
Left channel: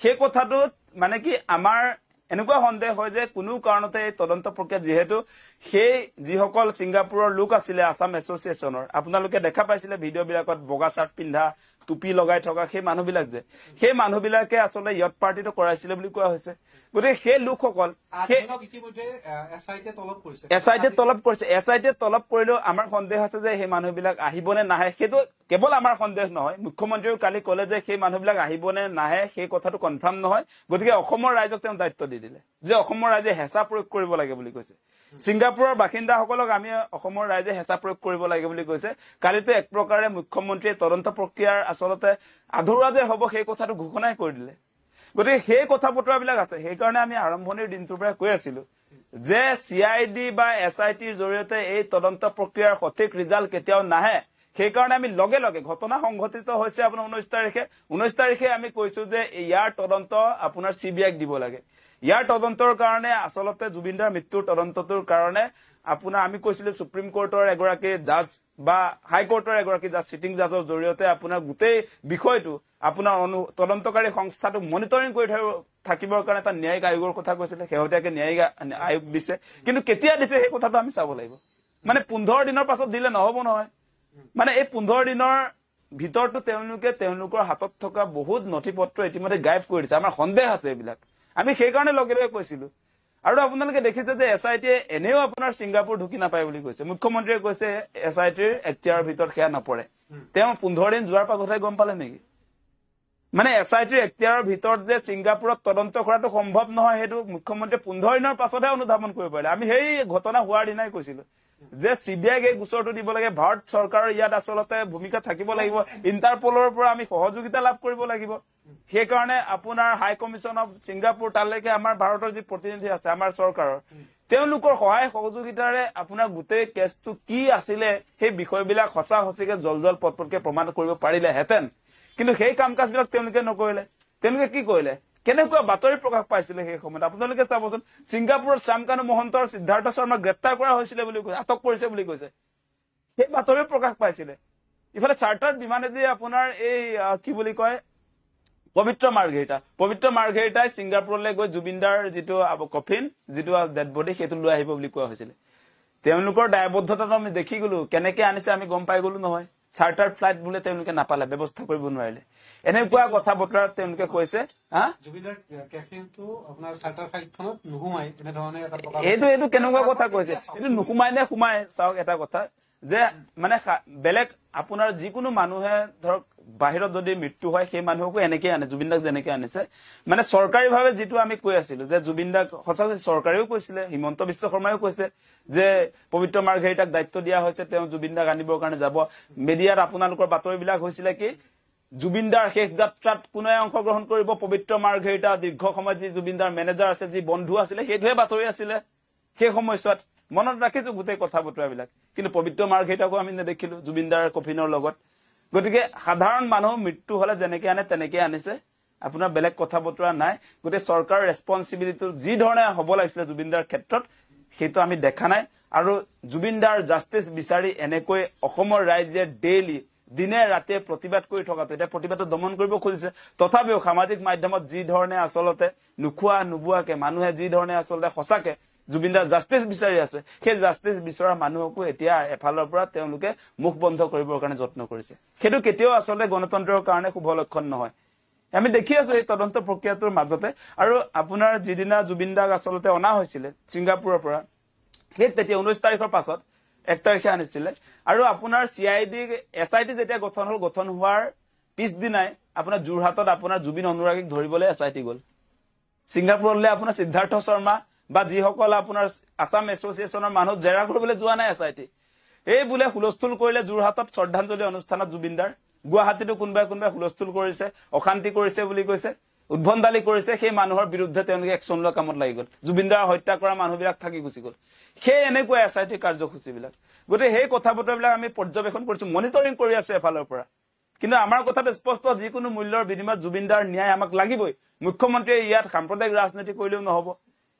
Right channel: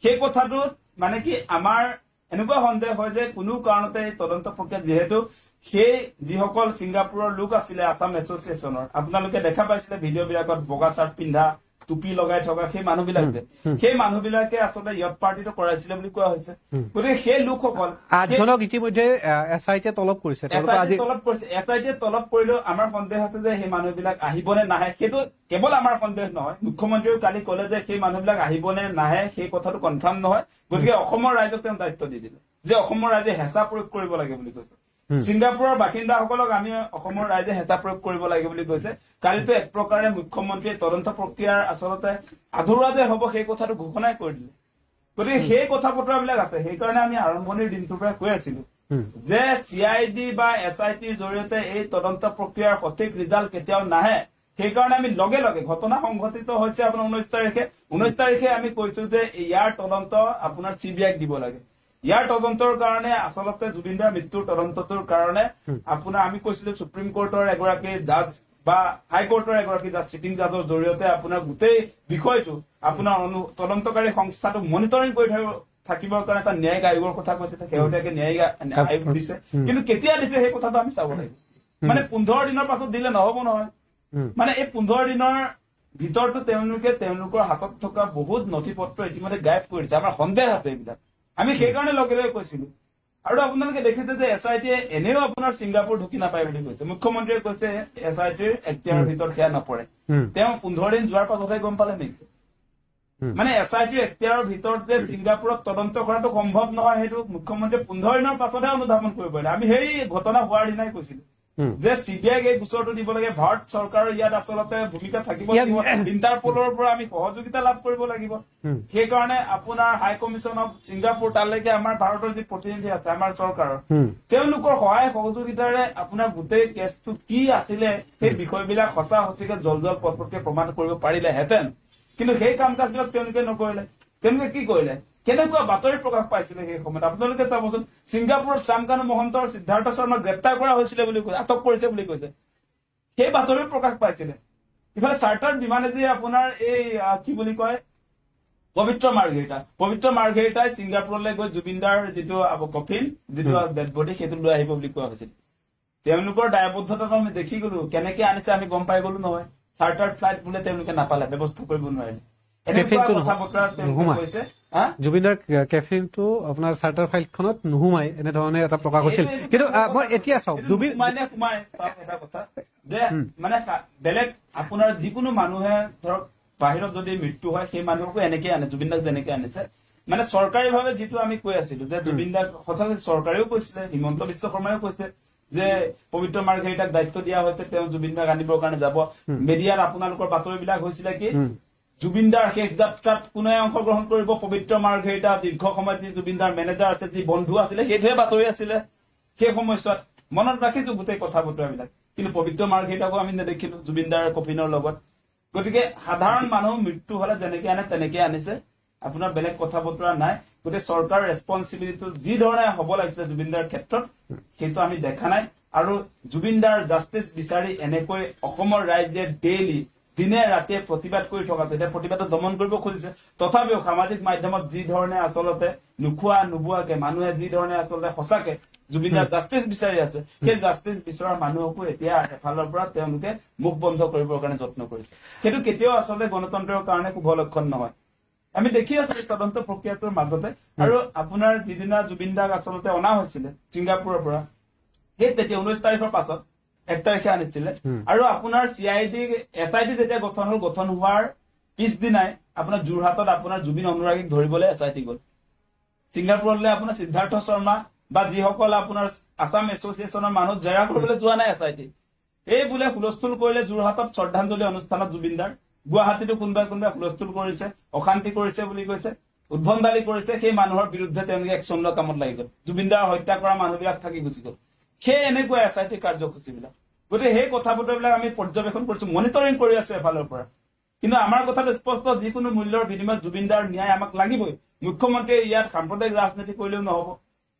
সেই কথাটোত মানে কি আমাৰ এনেকুৱা সন্দেহ হয় যে কোনো কাৰণতে এই তদন্ত প্ৰক্ৰিয়া যিহেতু সেই যিসকল ছিংগাপুৰৰ লোক আছিলে আসাম এছ'চিয়েশ্যনৰ আপোনালোকে দেখা পাইছিলে ভিডিঅ'বিলাকত বগা চাৰ্ট পিন্ধা টুপি লগাই থকা সেই মানুহবিলাক যে সেই মানুহবিলাকে আচলতে ইয়ত পাৰ্টিটো কৰাইছিলে বুলি কোৱা হৈছে গতিকে সেই লোকসকল আঠজনক ইতিমধ্যে SIT তলব কৰিছে SIT তলব কৰিলেও আমাৰ সন্দেহ আছে যে সেই মানুহবিলাক আহিবনে নাহে সেইটো কেৱল আমাৰ সন্দেহ নহয় মুখ্যমন্ত্ৰীয়ে কালি ক'লে যে সেই মানুহবিলাক আহিবনে নাহে সেই কথাটো কনফাৰ্ম নহয় গতিকে অসমৰ ৰাইজক তেওঁ দায়িত্ব দি দিলে যে অসমৰ ৰাইজে হেঁচা প্ৰয়োগ কৰিব লাগে বুলি কৈছে ছিংগাপুৰৰ বাসিন্দাসকলক আমি অসমৰ ৰাইজে হেঁচা প্ৰয়োগ কৰিব লাগে বুলি কৈছে কালিতো এক প্ৰকাৰে মুখ্যমন্ত্ৰীয়ে তদন্ত প্ৰক্ৰিয়াৰ আচলতে আধৰুৱা যে হ'ব সেই কথাটো ঘোষণাই কৰি দিলে গতিকে সেই কথা বতৰাবিলাক আছে সেইকাৰণে আমি আৰম্ভণিৰ দিনটোৰ পৰা কৈ আছিলো যে CID বা SITৰ জৰিয়তে এই তদন্ত প্ৰক্ৰিয়াৰ সঠিক ৰিজাল্ট কেতিয়াও নাহে সেইকাৰণে আমি লগে লগে ঘটনা সংঘটিত হৈছে আপোনাৰ 19 তাৰিখে আমি কৈছো যে ইয়াৰ তদন্ত আপোনাৰ CBIক দিব লাগে ইয়াৰ তদন্তৰ কাৰণে আচলতে জুবিনদাৰ মৃত্যুৰ তদন্তটোৰ কাৰণে আপোনাৰ আমি কৈছিলো সুপ্ৰিম কোৰ্টৰ এগৰাকী জাজ বা হাই কোৰ্টৰ এগৰাকী জাজ সিটিং জাজৰ জৰিয়তে আপোনাৰ গোটেই বিষয়টো আপোনাৰ তদন্তকাৰী সংস্থাটো মনিটৰিং কৰি থাকিবৰ কাৰণে এটা ন্যায়িক আয়োগৰ কথা কৈছিলে শেহতীয়াকে ন্যায়িক আয়োগ দিছে কিন্তু কেতিয়া দিছে সেই কথাটো আমি চাব লাগিব মানে 15 দিনৰ পাছত দিলে নহব নহয় মানে এই 15 দিনৰ ভিতৰতো তেওঁলোকৰ হাতত থকা বহুত নথি পত্ৰ ইতিমধ্যে গায়ব কৰি দিছে আমাৰ সন্দেহ আছে এইবিলাক আমি সেইকাৰণে লগে লগে কৈছিলো আৰু আপোনালোকে দেখিছে যে SIT এনেও আপোনাৰ ছিংগাপুৰ ঢুকি নাপায় বুলি কৈছে মুখ্যমন্ত্ৰীয়ে কৈছে SITৰ এখতিয়াৰৰ ভিতৰত সেয়া নপৰে তেওঁ 15 দিন যোৱাৰ পাছতহে গম পালে নেকি মানে SITৰ এখতিয়াৰৰ ভিতৰত যে ছিংগাপুৰত তদন্ত কৰাটো সম্ভৱ নহয় সেইটো মুখ্যমন্ত্ৰীয়ে 15 দিনৰ পাছতহে অনুধাৱন কৰিব পাৰিলে আমি সেই ঘটনা হোৱাৰ দিনাই কৈছিলো যে CBIক এই গোচৰটো দিব লাগে ভাৰত চৰকাৰৰ ইয়াত আচলতে ভূমিকা থাকিব লাগিব ইণ্টাৰপলৰ পৰা আমি সহযোগিতা লাভ কৰিব লাগিব সেইকাৰণে আপোনাৰ হাই কমিছন অফ ছিংগাপুৰ তালৈকে আমাৰ ভাৰতৰ যি প্ৰতিনিধি আছে আমাৰ চৰকাৰৰ তেওঁলোকৰ সহায় সহযোগিতাৰে আপোনাৰ গোটেই কেছটো কি আছিলে সেই বিষয়বিলাক সঁচা সঁচিকে জল পটপটকে প্ৰমাণ কৰিব পাৰিলেহেঁতেন কিন্তু সেই কাম কাজবিলাক তেওঁলোকে নকৰিলে তেওঁলোকে কি কৰিলে কেনেকুৱা বাতৰি প্ৰকাশ পাইছিলে সেই সময়ত আপোনালোকে চাবচোন ছিংগাপুৰত শ্যামকানু মহন্তৰ সিদ্ধাৰ্থ শৰ্মাক গ্ৰেপ্তাৰ কৰা হৈছিলে বুলি কৈছে আটক কৰিছে বুলি কৈছে সেই বাতৰি প্ৰকাশ পাইছিলে ইফালে চাৰ্টাৰ বিমানেদি আপোনাৰ এই কি বুলি কয় পবিত্ৰ মাৰ্ঘেৰিটাই ছিংগাপুৰলৈ গৈ জুবিনদাৰ যিটো কফিন যিটো ডেড বডি সেইটো লৈ আহিব বুলি কোৱা হৈছিলে তেওঁলোকৰ দায়বদ্ধতাটো আমি দেখি গলো কেনেকে আনিছে আমি গম পাই গলো নহয় চাৰ্টাৰ ফ্লাইট বোলে তেওঁলোকে নাপালে ব্যৱস্থা কৰিব নোৱাৰিলে এনেকুৱা কথা বতৰা তেওঁলোকে কৈছে জুবিনদাৰ কেফিনটো আপোনাৰ চাৰ্টাৰ ফাইলখনত নুহুমাই এনে ধৰণে এটা প্ৰকাশ হৈছে এতিয়া চাওক সোমাই চাওক এটা কথা যে মানে বেলেগ আপোনাৰ যিকোনো মানুহে ধৰক বাহিৰত যদি মৃত্যু হয় সেই মানুহকো এনেকে আনে জুবিনদাক যেনেকে আনিছে মানে চৰকাৰীভাৱে যিটো আমি কৈ আছিলো যে জুবিনদাক সঁচাকৈ চৰকাৰেও কৈছিলে হিমন্ত বিশ্ব শৰ্মাও কৈছে যে পবিত্ৰ মাৰ্ঘেৰিটাক দায়িত্ব দিয়া হৈছে তেওঁ জুবিনদাক আনিবৰ কাৰণে যাব মিডিয়াত আপোনালোকৰ বাতৰিবিলাক হৈছিলে কি জুবিনদাৰ শেষ যাত্ৰাত কোনে অংশগ্ৰহণ কৰিব পবিত্ৰ মাৰ্ঘেৰিটা দীৰ্ঘ সময় যি জুবিনদাৰ মেনেজাৰ আছে যি বন্ধু আছিলে সেইটোহে বাতৰি আছিলে সেই সময়ছোৱাত মনত ৰাখিছো গোটেই কথা বতৰাবিলাক কিন্তু পবিত্ৰ মাৰ্ঘেৰিটাকো আমি নেদেখিলো জুবিনদাৰ কফিনৰ লগত গতিকে সাধাৰণ মানুহ মৃত্যু হলে যেনেকে আনে তেনেকে আনিছে আপোনাৰ বেলেগ কথা বতৰা নাই গোটেই চৰকাৰৰ ৰেছপন্সিবিলিটি যি ধৰণে হ'ব লাগিছিলে জুবিনদাৰ ক্ষেত্ৰত সেইটো আমি দেখা নাই আৰু জুবিনদাৰ জাষ্টিছ বিচাৰি এনেকৈ অসমৰ ৰাইজে ডেইলি দিনে ৰাতে প্ৰতিবাদ কৰি থকাটো এটা প্ৰতিবাদত দমন কৰিব খুজিছে তথাপিও সামাজিক মাধ্যমত যি ধৰণে আচলতে নুখোৱা নুবুৱাকে মানুহে যি ধৰণে আচলতে সঁচাকে জুবিনদাৰ জাষ্টিছ বিচাৰি আছে সেই জাষ্টিছ বিচৰা মানুহকো এতিয়া এফালৰ পৰা তেওঁলোকে মুখ বন্ধ কৰিবৰ কাৰণে যত্ন কৰিছে সেইটো কেতিয়াও আচলতে গণতন্ত্ৰৰ কাৰণে শুভ লক্ষণ নহয় আমি দেখি আছো এই তদন্ত প্ৰক্ৰিয়াটোৰ মাজতে আৰু আপোনাৰ যিদিনা জুবিনদাক আচলতে অনা হৈছিল ছিংগাপুৰৰ পৰা সেই তেতিয়া 19 তাৰিখৰ পাছত 1 তাৰিখে আনিছিলে আৰু আপোনাৰ চিআইডি এছআইডি যেতিয়া গঠন হোৱাৰ পিছদিনাই আপোনাৰ যোৰহাটত আপোনাৰ জুবিন অনুৰাগীক ধৰিবলৈ এছআইডি গ'ল ছিংগাপুৰলৈ আপোনাৰ সিদ্ধাৰ্থ শৰ্মা বা যিসকল আপোনাৰ আসাম এছ'চিয়েশ্যনৰ মানুহ জেৰা কৰিবলৈ যোৱা নাই এছআইডি এই বোলে হুলস্থুল কৰিলে যোৰহাটত শ্ৰদ্ধাঞ্জলি অনুষ্ঠানত জুবিনদাৰ গুৱাহাটীতো কোনোবাই হুলস্থুল কৰিছে অশান্তি কৰিছে বুলি কৈছে উদ্ভণ্ডালি কৰিছে সেই মানুহৰ বিৰুদ্ধে তেওঁলোকে একশ্যন লোৱা কামত লাগি গ'ল জুবিনদাৰ হত্যা কৰা মানুহবিলাক থাকি গুচি গ'ল সেই এনেকুৱা এছআইটি কাৰ্যসূচীবিলাক গতিকে সেই কথা বতৰাবিলাক আমি পৰ্যবেক্ষণ কৰিছো মনিটৰিং কৰি আছো এফালৰ পৰা কিন্তু আমাৰ কথাটো স্পষ্ট যিকোনো মূল্যৰ বিনিময়ত জুবিনদাৰ ন্যায় আমাক লাগিবই মুখ্যমন্ত্ৰীয়ে ইয়াত সাম্প্ৰদায়িক ৰাজনীতি কৰিলেও নহব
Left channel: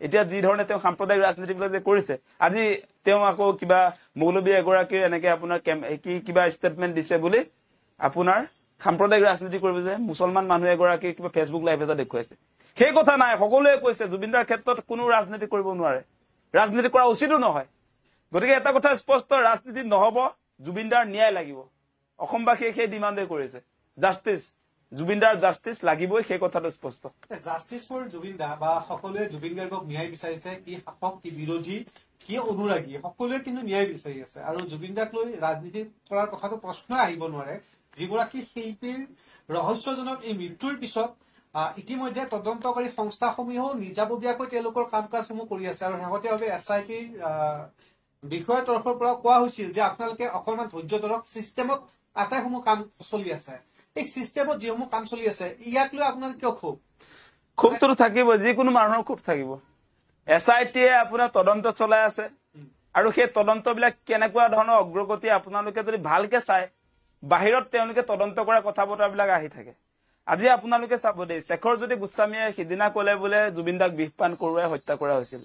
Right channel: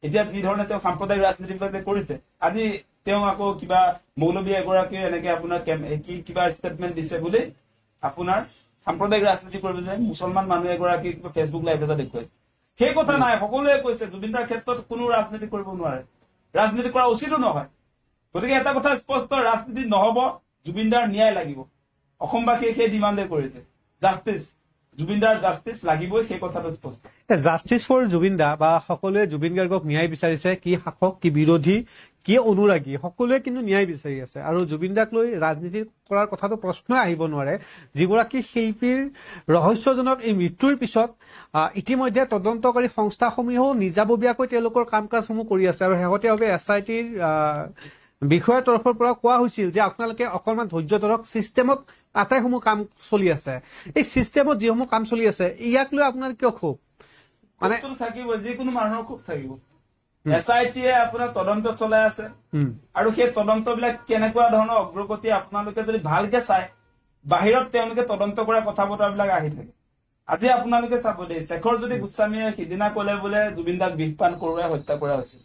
এতিয়া যি ধৰণে তেওঁ সাম্প্ৰদায়িক ৰাজনীতিবিলাক যে কৰিছে আজি তেওঁ আকৌ কিবা মৌলবী এগৰাকীৰ এনেকে আপোনাৰ কিবা ষ্টেটমেণ্ট দিছে বুলি আপোনাৰ সাম্প্ৰদায়িক ৰাজনীতি কৰিব যে মুছলমান মানুহ এগৰাকী কিবা ফেচবুক লাইভ এটা দেখুৱাইছে সেই কথা নাই সকলোৱে কৈছে জুবিনদাৰ ক্ষেত্ৰত কোনো ৰাজনীতি কৰিব নোৱাৰে ৰাজনীতি কৰা উচিতো নহয় গতিকে এটা কথা স্পষ্ট ৰাজনীতি নহব জুবিনদাৰ ন্যায় লাগিব অসমবাসীয়ে সেই ডিমাণ্ডে কৰিছে জাষ্টিছ জুবিনদাৰ জাষ্টিছ লাগিবই সেই কথাটো স্পষ্ট জাষ্টিছ ফৰ জুবিনদা বা সকলোৱে জুবিন গাৰ্গক ন্যায় বিচাৰিছে কি শাসক কি বিৰোধী কি অনুৰাগী সকলোৱে কিন্তু ন্যায় বিচাৰি আছে আৰু জুবিনদাক লৈ ৰাজনীতি কৰাৰ কথাটো প্ৰশ্নই আহিব নোৱাৰে যিগৰাকী শিল্পীৰ ৰহস্যজনক এই মৃত্যুৰ পিছত ইতিমধ্যে তদন্তকাৰী সংস্থাসমূহেও নিজাববীয়াকৈ তেওঁলোকৰ কাম কাজসমূহ কৰি আছে আৰু শেহতীয়াভাৱে এছআইটিৰ বিষয়ৰ তৰফৰ পৰা কোৱা হৈছিল যে আপোনালোকে অকণমান ধৈৰ্য ধৰক চিষ্টেমত আটাইসমূহ কাম চলি আছে এই চিষ্টেমত যিসমূহ কাম চলি আছে ইয়াক লৈ আপোনাৰ কিয় ক্ষোভটো থাকিব যিকোনো মানুহৰ ক্ষোভ থাকিব এছআইটিয়ে আপোনাৰ তদন্ত চলাই আছে আৰু সেই তদন্তবিলাক কেনেকুৱা ধৰণৰ অগ্ৰগতি আপোনালোকে যদি ভালকে চাই বাহিৰত তেওঁলোকে তদন্ত কৰা কথা বতৰাবিলাক আহি থাকে আজি আপোনালোকে চাব দেই শেখৰ যদি গোস্বামীয়ে সিদিনা ক'লে বোলে জুবিনদাক বিষপান কৰোৱাই হত্যা কৰা হৈছিল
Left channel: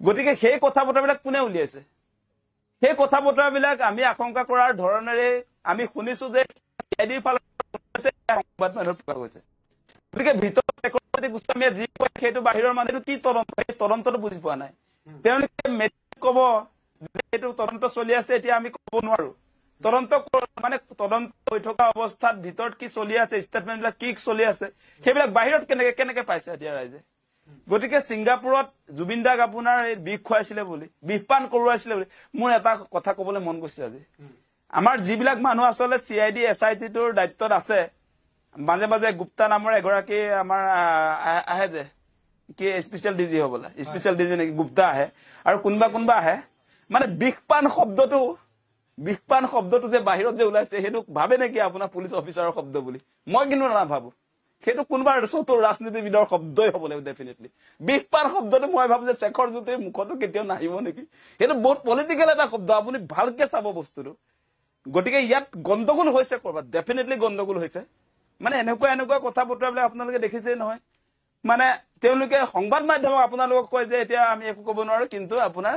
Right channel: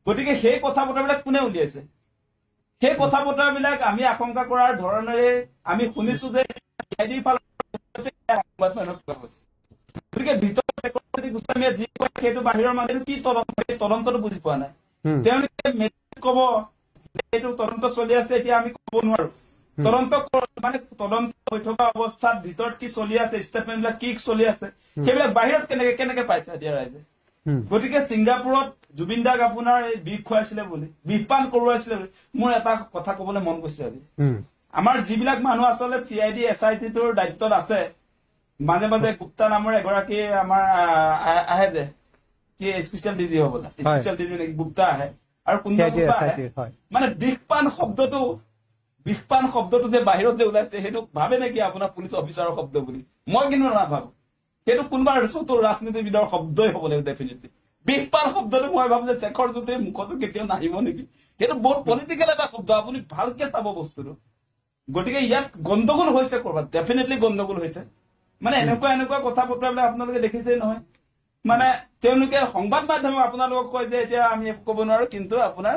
গতিকে সেই কথা বতৰাবিলাক কোনে উলিয়াইছে সেই কথা বতৰাবিলাক আমি আশংকা কৰাৰ ধৰণেৰে আমি শুনিছো যে চিআইডিৰ ফালৰ সংবাদ মাধ্যমত পোৱা গৈছে গতিকে ভিতৰত শেখৰ যদি গোস্বামীয়ে যি কয় সেইটো বাহিৰৰ মানুহে কি তদন্তটো বুজি পোৱা নাই তেওঁলোকে কব যে এইটো তদন্ত চলি আছে এতিয়া আমি কব নোৱাৰো তদন্ত মানে তদন্ত হৈ থকা অৱস্থাত ভিতৰত কি চলি আছে ষ্টেটমেণ্টবিলাক কি চলি আছে সেইবিলাক বাহিৰত কেনেকে পাইছে এতিয়া ৰাইজে গতিকে ছিংগাপুৰত জুবিনদাক আপোনাৰ এই বিষ খুৱাইছিলে বুলি বিষপান কৰোৱাইছিলে বুলি মোৰ এটা কথা কবলৈ মন গৈছে আজি আমাৰ যিবিলাক মানুহ আচলতে চিআইডি এছআইটিটোৰ দায়িত্বত আছে মাজে মাজে গুপ্তা নামৰ এগৰাকী আমাৰ আহে যে কি স্পেচিয়েল ডিজি হবলা স্পেচিয়েল ডিজি নেকি গুপ্তা আহে আৰু কোনোবা আহে মানে বিষপান শব্দটো যে বাহিৰত যে ওলাইছে সেইটো ভাবে নেকি আপোনাৰ পুলিচ অফিচাৰৰ শব্দ বুলি মই কিন্তু নাভাবো সেইটো কোনোবা চতুৰ ৰাজনীতিবিদৰ শব্দই হ'ব লাগিব ডেফিনেটলি বিষপান শব্দটো মই ভাবো যে শেখৰ জ্যোতিৰ মুখতো কেতিয়াও নাহিব নেকি সেইটো বহুত পলিটিকেল এটা শব্দ আপুনি ভালকে চাব বস্তুটো গতিকে ইয়াত গণ্ডগোল হৈছে কৰবাত ডেফিনেটলি গণ্ডগোল হৈছে মানে এনেকুৱা কথা বতৰাবিলাক আপোনালোকে দেখিছে নহয় মানে তেওঁলোকে সংবাদ মাধ্যমক আপোনালোকক কয় যে এতিয়া আমি একো ক'ব নোৱাৰো কিন্তু আপোনাৰ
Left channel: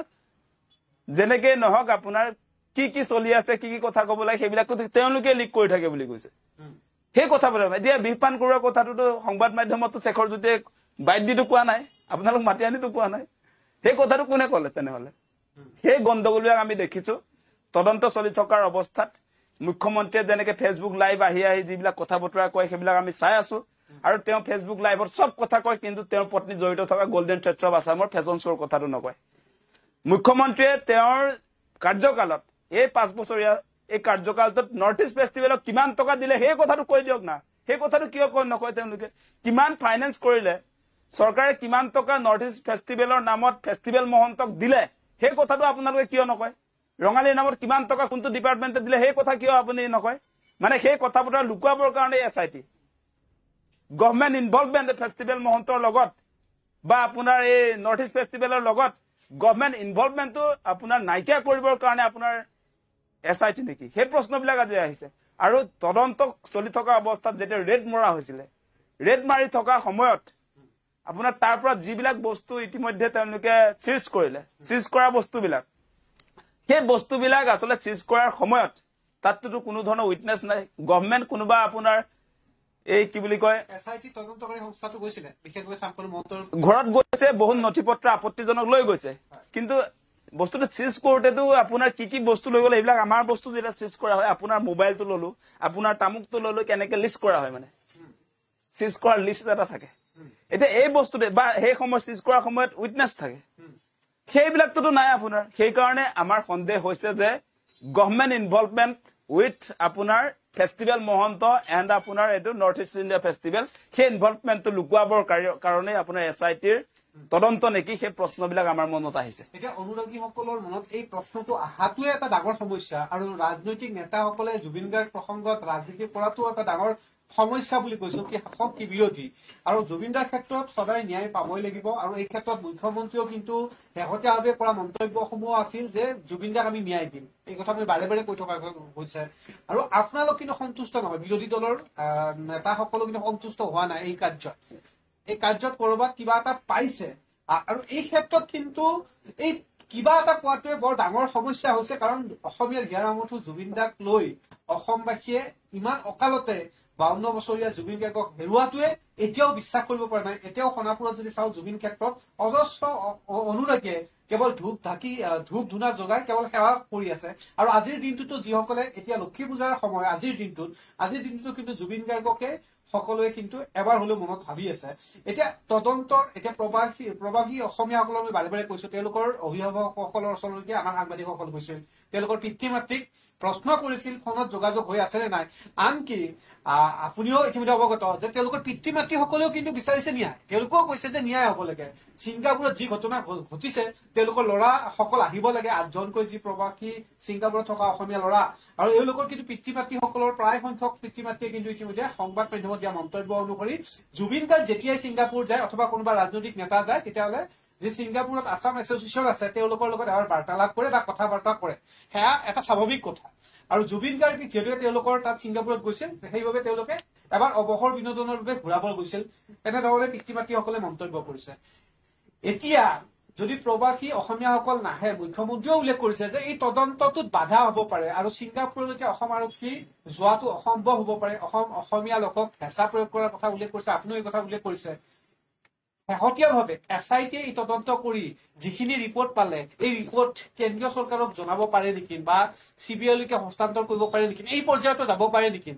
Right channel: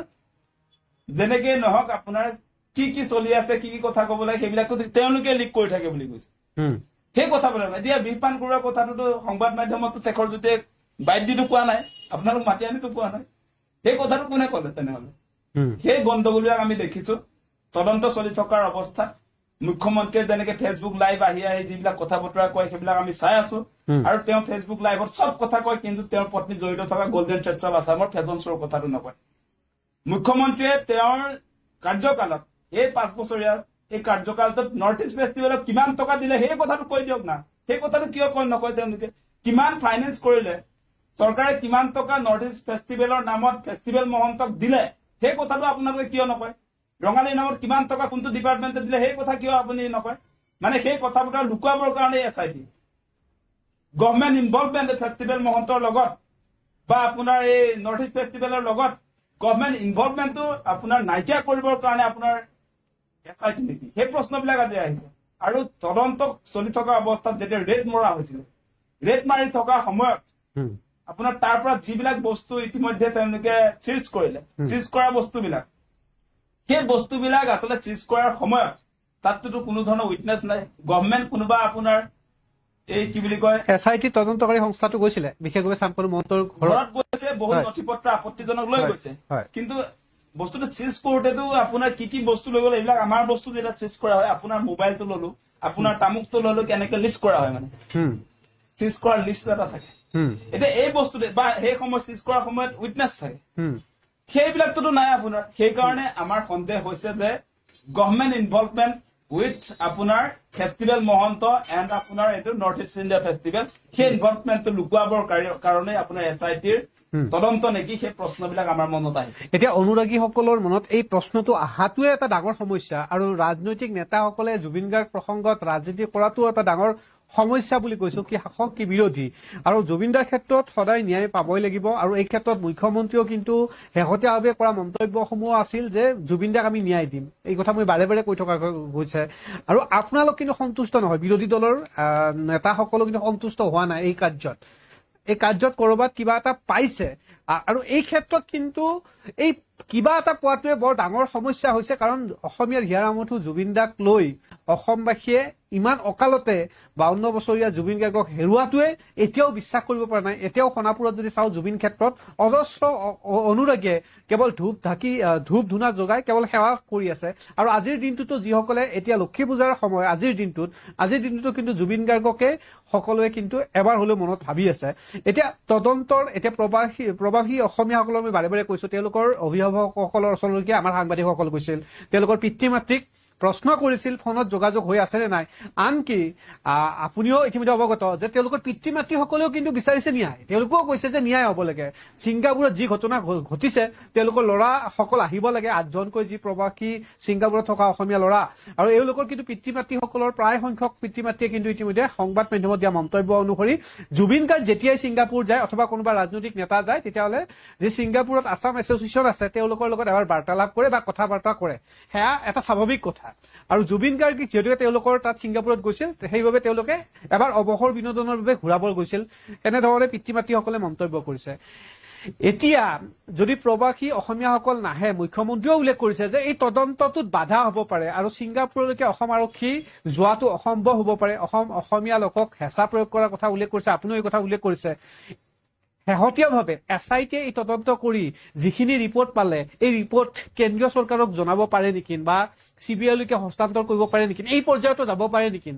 যেনেকে নহওক আপোনাৰ কি চলি আছে কি কথা ক'ব লাগে সেইবিলাকো তেওঁলোকে লিক কৰি থাকে বুলি কৈছে সেই কথা বলে এতিয়া বিষপান কৰোৱা কথাটোতো সংবাদ মাধ্যমতো শেখৰ জ্যোতিয়ে বাইট দিটো কোৱা নাই আপোনালোক মাতি আনিতো কোৱা নাই সেই কথাটো কোনে ক'লে তেনেহলে সেই গণ্ডগোলবিলাক আমি দেখিছো তদন্ত চলি থকাৰ অৱস্থাত মুখ্যমন্ত্ৰীয়ে যেনেকে ফেচবুক লাইভ আহি যিবিলাক কথা বতৰা কয় সেইবিলাক আমি চাই আছো আৰু তেওঁ ফেচবুক লাইভত চব কথা কয় কিন্তু তেওঁৰ পত্নী জড়িত থকা গল্ডেন থ্ৰেডছ অফ আছামৰ ফেশ্বন শ্ব'ৰ কথাটো নকয় মুখ্যমন্ত্ৰীয়ে তেওঁৰ কাৰ্যকালত এই 5 বছৰীয়া এই কাৰ্যকালটোত নৰ্থ ইষ্ট ফেষ্টিভেলত কিমান টকা দিলে সেই কথাটো কৈ দিয়ক না সেই কথাটো কিয় নকয় তেওঁলোকে কিমান ফাইনেন্স কৰিলে চৰকাৰে কিমান টকা নৰ্থ ইষ্ট ফেষ্টিভেলৰ নামত ফেষ্টিভেল মহন্তক দিলে সেই কথাটো আপোনালোকে কিয় নকয় ৰঙালীৰ নামত কিমান টকা কোনটো ডিপাৰ্টমেণ্টে দিলে সেই কথা কিয় আপুনি নকয় মানে সেই কথা বতৰা লুকুৱাবৰ কাৰণে এছআইটি গভৰ্ণমেণ্ট ইনভলভমেণ্ট ফেষ্টিভেল মহন্তৰ লগত বা আপোনাৰ এই নৰ্থ ইষ্ট ফেষ্টিভেলৰ লগত গভৰ্ণমেণ্ট ইনভলভমেণ্টটো আপোনাৰ নাইকিয়া কৰিবৰ কাৰণে আপোনাৰ এছআইটি নেকি সেই প্ৰশ্নবিলাক আজি আহিছে আৰু তদন্ত চলি থকা অৱস্থাত যেতিয়া ৰেড মৰা হৈছিলে ৰেড মাৰি থকা সময়ত আপোনাৰ তাৰ পৰা যিবিলাক বস্তু ইতিমধ্যে তেওঁলোকে চিজ কৰিলে চিজ কৰা বস্তুবিলাক সেই বস্তুবিলাক আচলতে চিজ কৰাৰ সময়ত তাততো কোনো ধৰণৰ উইটনেছ নাই গভৰ্ণমেণ্ট কোনোবা আপোনাৰ এই কি বুলি কয় এছআইটি তদন্তকাৰী সংস্থাটো গৈছিলে বিশেষভাৱে চাম্পল মহন্তৰ ঘৰত বহুত নথিপত্ৰ আপত্তিজনক লৈ গৈছে কিন্তু বস্তুটো চিজ কৰোতেতো আপোনাৰ কি বস্তু লৈ গ'লে এইবিলাক আমাৰ বস্তু যেটা চিজ কৰা হয় আপোনাৰ মোবাইলটো ললো আপোনাৰ তামুকটো ললো কেনেকে লিষ্ট কৰা হয় মানে চিজ কৰাৰ লিষ্ট এটা থাকে এটা এই বস্তুতে বা এই সময় চিজ কৰাৰ সময়ত উইটনেছ থাকে সেইবিলাকতো নাই আপোনাৰ সেই কাৰণে আমাৰ সন্দেহ হৈছে যে গভৰ্ণমেণ্ট ইনভলভমেণ্ট উইথ আপোনাৰ ফেষ্টিভেল মহন্ত এণ্ড আপোনাৰ এইটো নৰ্থ ইষ্ট ইণ্ডিয়া ফেষ্টিভেল সেই ইনভলভমেণ্টটো লুকুৱাবৰ কাৰণে আপোনাৰ SITৰ তদন্ত নেকি সেই প্ৰশ্নবিলাক আমাৰ মনত আহিছে এতিয়া অনুৰাগীসকলৰ মনত এই প্ৰশ্নটো আহাটোৱে এটা ডাঙৰ সমস্যা আৰু ৰাজনৈতিক নেতাসকলে জুবিন গাৰ্গ প্ৰসংগত ৰাজনীতি কৰাটো এটা ডাঙৰ সমস্যা বুলি কৈছো কি শাসক কি বিৰোধী আৰু জুবিনদাৰ ক্ষেত্ৰত সদায় ন্যায় পাবই লাগিব আৰু এই ক্ষেত্ৰত মুখ্যমন্ত্ৰীও কিন্তু শেহতীয়াভাৱে কৰা মন্তব্যসমূহ আছিল যে জুবিনদাক আমি ন্যায় দিম এই কথা মই বাৰে বাৰে কৈ থকা গৈছে আৰু আপোনালোক কিন্তু সন্তুষ্ট নহয় বিৰোধী দলৰ নেতাসকলো কিন্তু সন্তুষ্ট হোৱা নাই এই কাৰ্যত কৰবাত কিবা এটা পাইছে আৰু এই ক্ষেত্ৰত কিন্তু এই কিবা এটা পোৱাটোৱে বৰ ডাঙৰ সমস্যা হৈছে কাৰণ অসমীয়াৰ হিয়াৰামঠু জুবিনদাক লৈ অসমবাসীয়ে ইমান অকালতে 52 বছৰীয়া জুবিন গাৰ্গক হেৰুৱাটোৱে এতিয়াও বিশ্বাস কৰিব পৰা নাই এতিয়াও সোণাপুৰত যদি চাও জুবিন ক্ষেত্ৰত অজস্ৰ অনুৰাগীয়ে কেৱল ধূপ ধুনা জগাই কেৱল সেৱা কৰি আছে আৰু আজিৰ দিনটোতো যিসকলে এতিয়া লক্ষী পূজাৰ সময় আজিৰ দিনটোতো কিন্তু জুবিন গাৰ্গকে সকলোৱে কিন্তু এবাৰ হলেও মনত ভাবি আছে এতিয়া তদন্তৰ এতিয়া প্ৰবাসী অসমীয়াসকলৰ মই বাৰে বাৰে কৈছো তেওঁলোকৰ অভিভাৱকসকলৰ ওচৰলৈকে আমাৰ সাংবাদিকসকল গৈছিল তেওঁলোকৰ পিতৃ মাতৃক প্ৰশ্ন কৰিছিল ফোনত যোগাযোগ হৈ আছে নে নাই আনকি আপুনিও ইতিমধ্যে অৱগত যে তেওঁলোকৰ পিতৃ মাতৃসকলেও কিন্তু বিচাৰিছে ন্যায় তেওঁলোকেও কৈছে যে ন্যায় হ'ব লাগে ছিংগাপুৰত যি ঘটনা ঘটিছে তেওঁলোকৰ ল'ৰা সকল আহিব লাগে 8জনকৈ যি প্ৰবাসী ছিংগাপুৰত থকা অসমীয়া ল'ৰা আৰু এওঁলোকৰ কিন্তু পিতৃ মাতৃসকলৰ প্ৰায় সংখ্যক পিতৃ মাতৃয়ে কিন্তু ইতিমধ্যে সংবাদ মাধ্যমত দিয়া মন্তব্য অনুসৰি জুবিন গাৰ্গ যেতিয়াই ছিংগাপুৰ যায় অথবা কোনোবা ৰাজনৈতিক নেতা যায় তেতিয়াহ'লে যি ছিংগাপুৰত আছাম এছ'চিয়েশ্যন আছে তেওঁলোকৰ লগত এবাৰ বাৰ্তালাপ কৰে বা কথা বাৰ্তা কৰে সেয়া এটা স্বাভাৱিক কথা আৰু জুবিন গাৰ্গ যিহেতু তেওঁলোকৰ তাত ছিংগাপুৰত গৈছিল সেইবাবে তেওঁলোকে এবাৰ অৱসৰ বিনোদনৰ বাবে ঘূৰাবৰ গৈছিল এনেধৰণে পিতৃ মাতৃসকলে মন্তব্য কৰিছে এতিয়া যদি প্ৰবাসী অসমীয়াসকল নাহে মুখ্যমন্ত্ৰীও উল্লেখ কৰিছে যে এই তদন্তটোত বাধা হ'ব পাৰে আৰু ছিংগাপুৰলৈকে অসম আৰক্ষী যোৱাটো অসম্ভৱ হ'ব পাৰে অসমীয়া লোকক হেঁচা প্ৰয়োগ কৰাৰ কথা উল্লেখ কৰিছে আপুনিও এই কথা উল্লেখ কৰিছে শেহতীয়াভাৱে SITয়ে এই তদন্ত কৰি যিখিনি ৰিপৰ্ট পালে এই ৰিপৰ্ট কেন্দ্ৰীয় চৰকাৰক জনাব পাৰে নেকি বা CBIলৈকে হস্তান্তৰ কৰিব পাৰে নেকি এই পৰ্যায়তো যাব পাৰে নেকি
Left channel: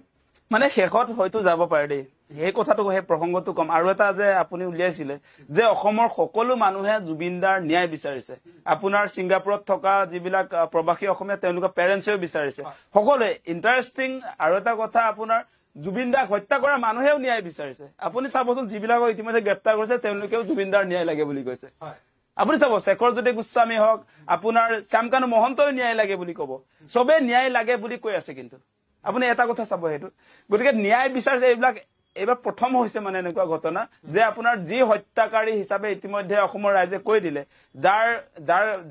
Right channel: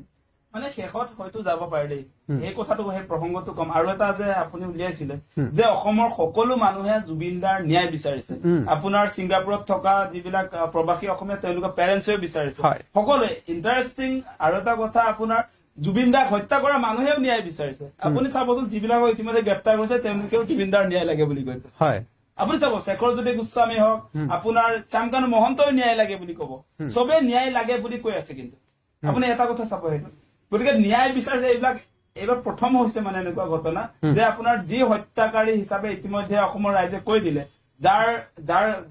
মানে শেষত হয়তো যাব পাৰে দেই এই কথাটো সেই প্ৰসংগটো কম আৰু এটা যে আপুনি উলিয়াইছিলে যে অসমৰ সকলো মানুহে জুবিনদাৰ ন্যায় বিচাৰিছে আপোনাৰ ছিংগাপুৰত থকা যিবিলাক প্ৰবাসী অসমীয়া তেওঁলোকৰ পেৰেণ্টছেও বিচাৰিছে সকলোৱে ইণ্টাৰেষ্টিং আৰু এটা কথা আপোনাৰ জুবিনদাক হত্যা কৰা মানুহেও ন্যায় বিচাৰিছে আপুনি চাবচোন যিবিলাকক ইতিমধ্যে গ্ৰেপ্তাৰ কৰিছে তেওঁলোকেও জুবিনদাৰ ন্যায় লাগে বুলি কৈছে আপুনি চাব শেখৰজ্যোতি গোস্বামী হওক আপোনাৰ শ্যামকানু মহন্তই ন্যায় লাগে বুলি কব চবে ন্যায় লাগে বুলি কৈ আছে কিন্তু আপুনি এটা কথা চাব সেইটো গতিকে ন্যায় বিচাৰিছে এইবাৰ প্ৰথম হৈছে মানে এনেকুৱা ঘটনা যে আপোনাৰ যি হত্যাকাৰী হিচাপে ইতিমধ্যে অসমৰ ৰাইজে কৈ দিলে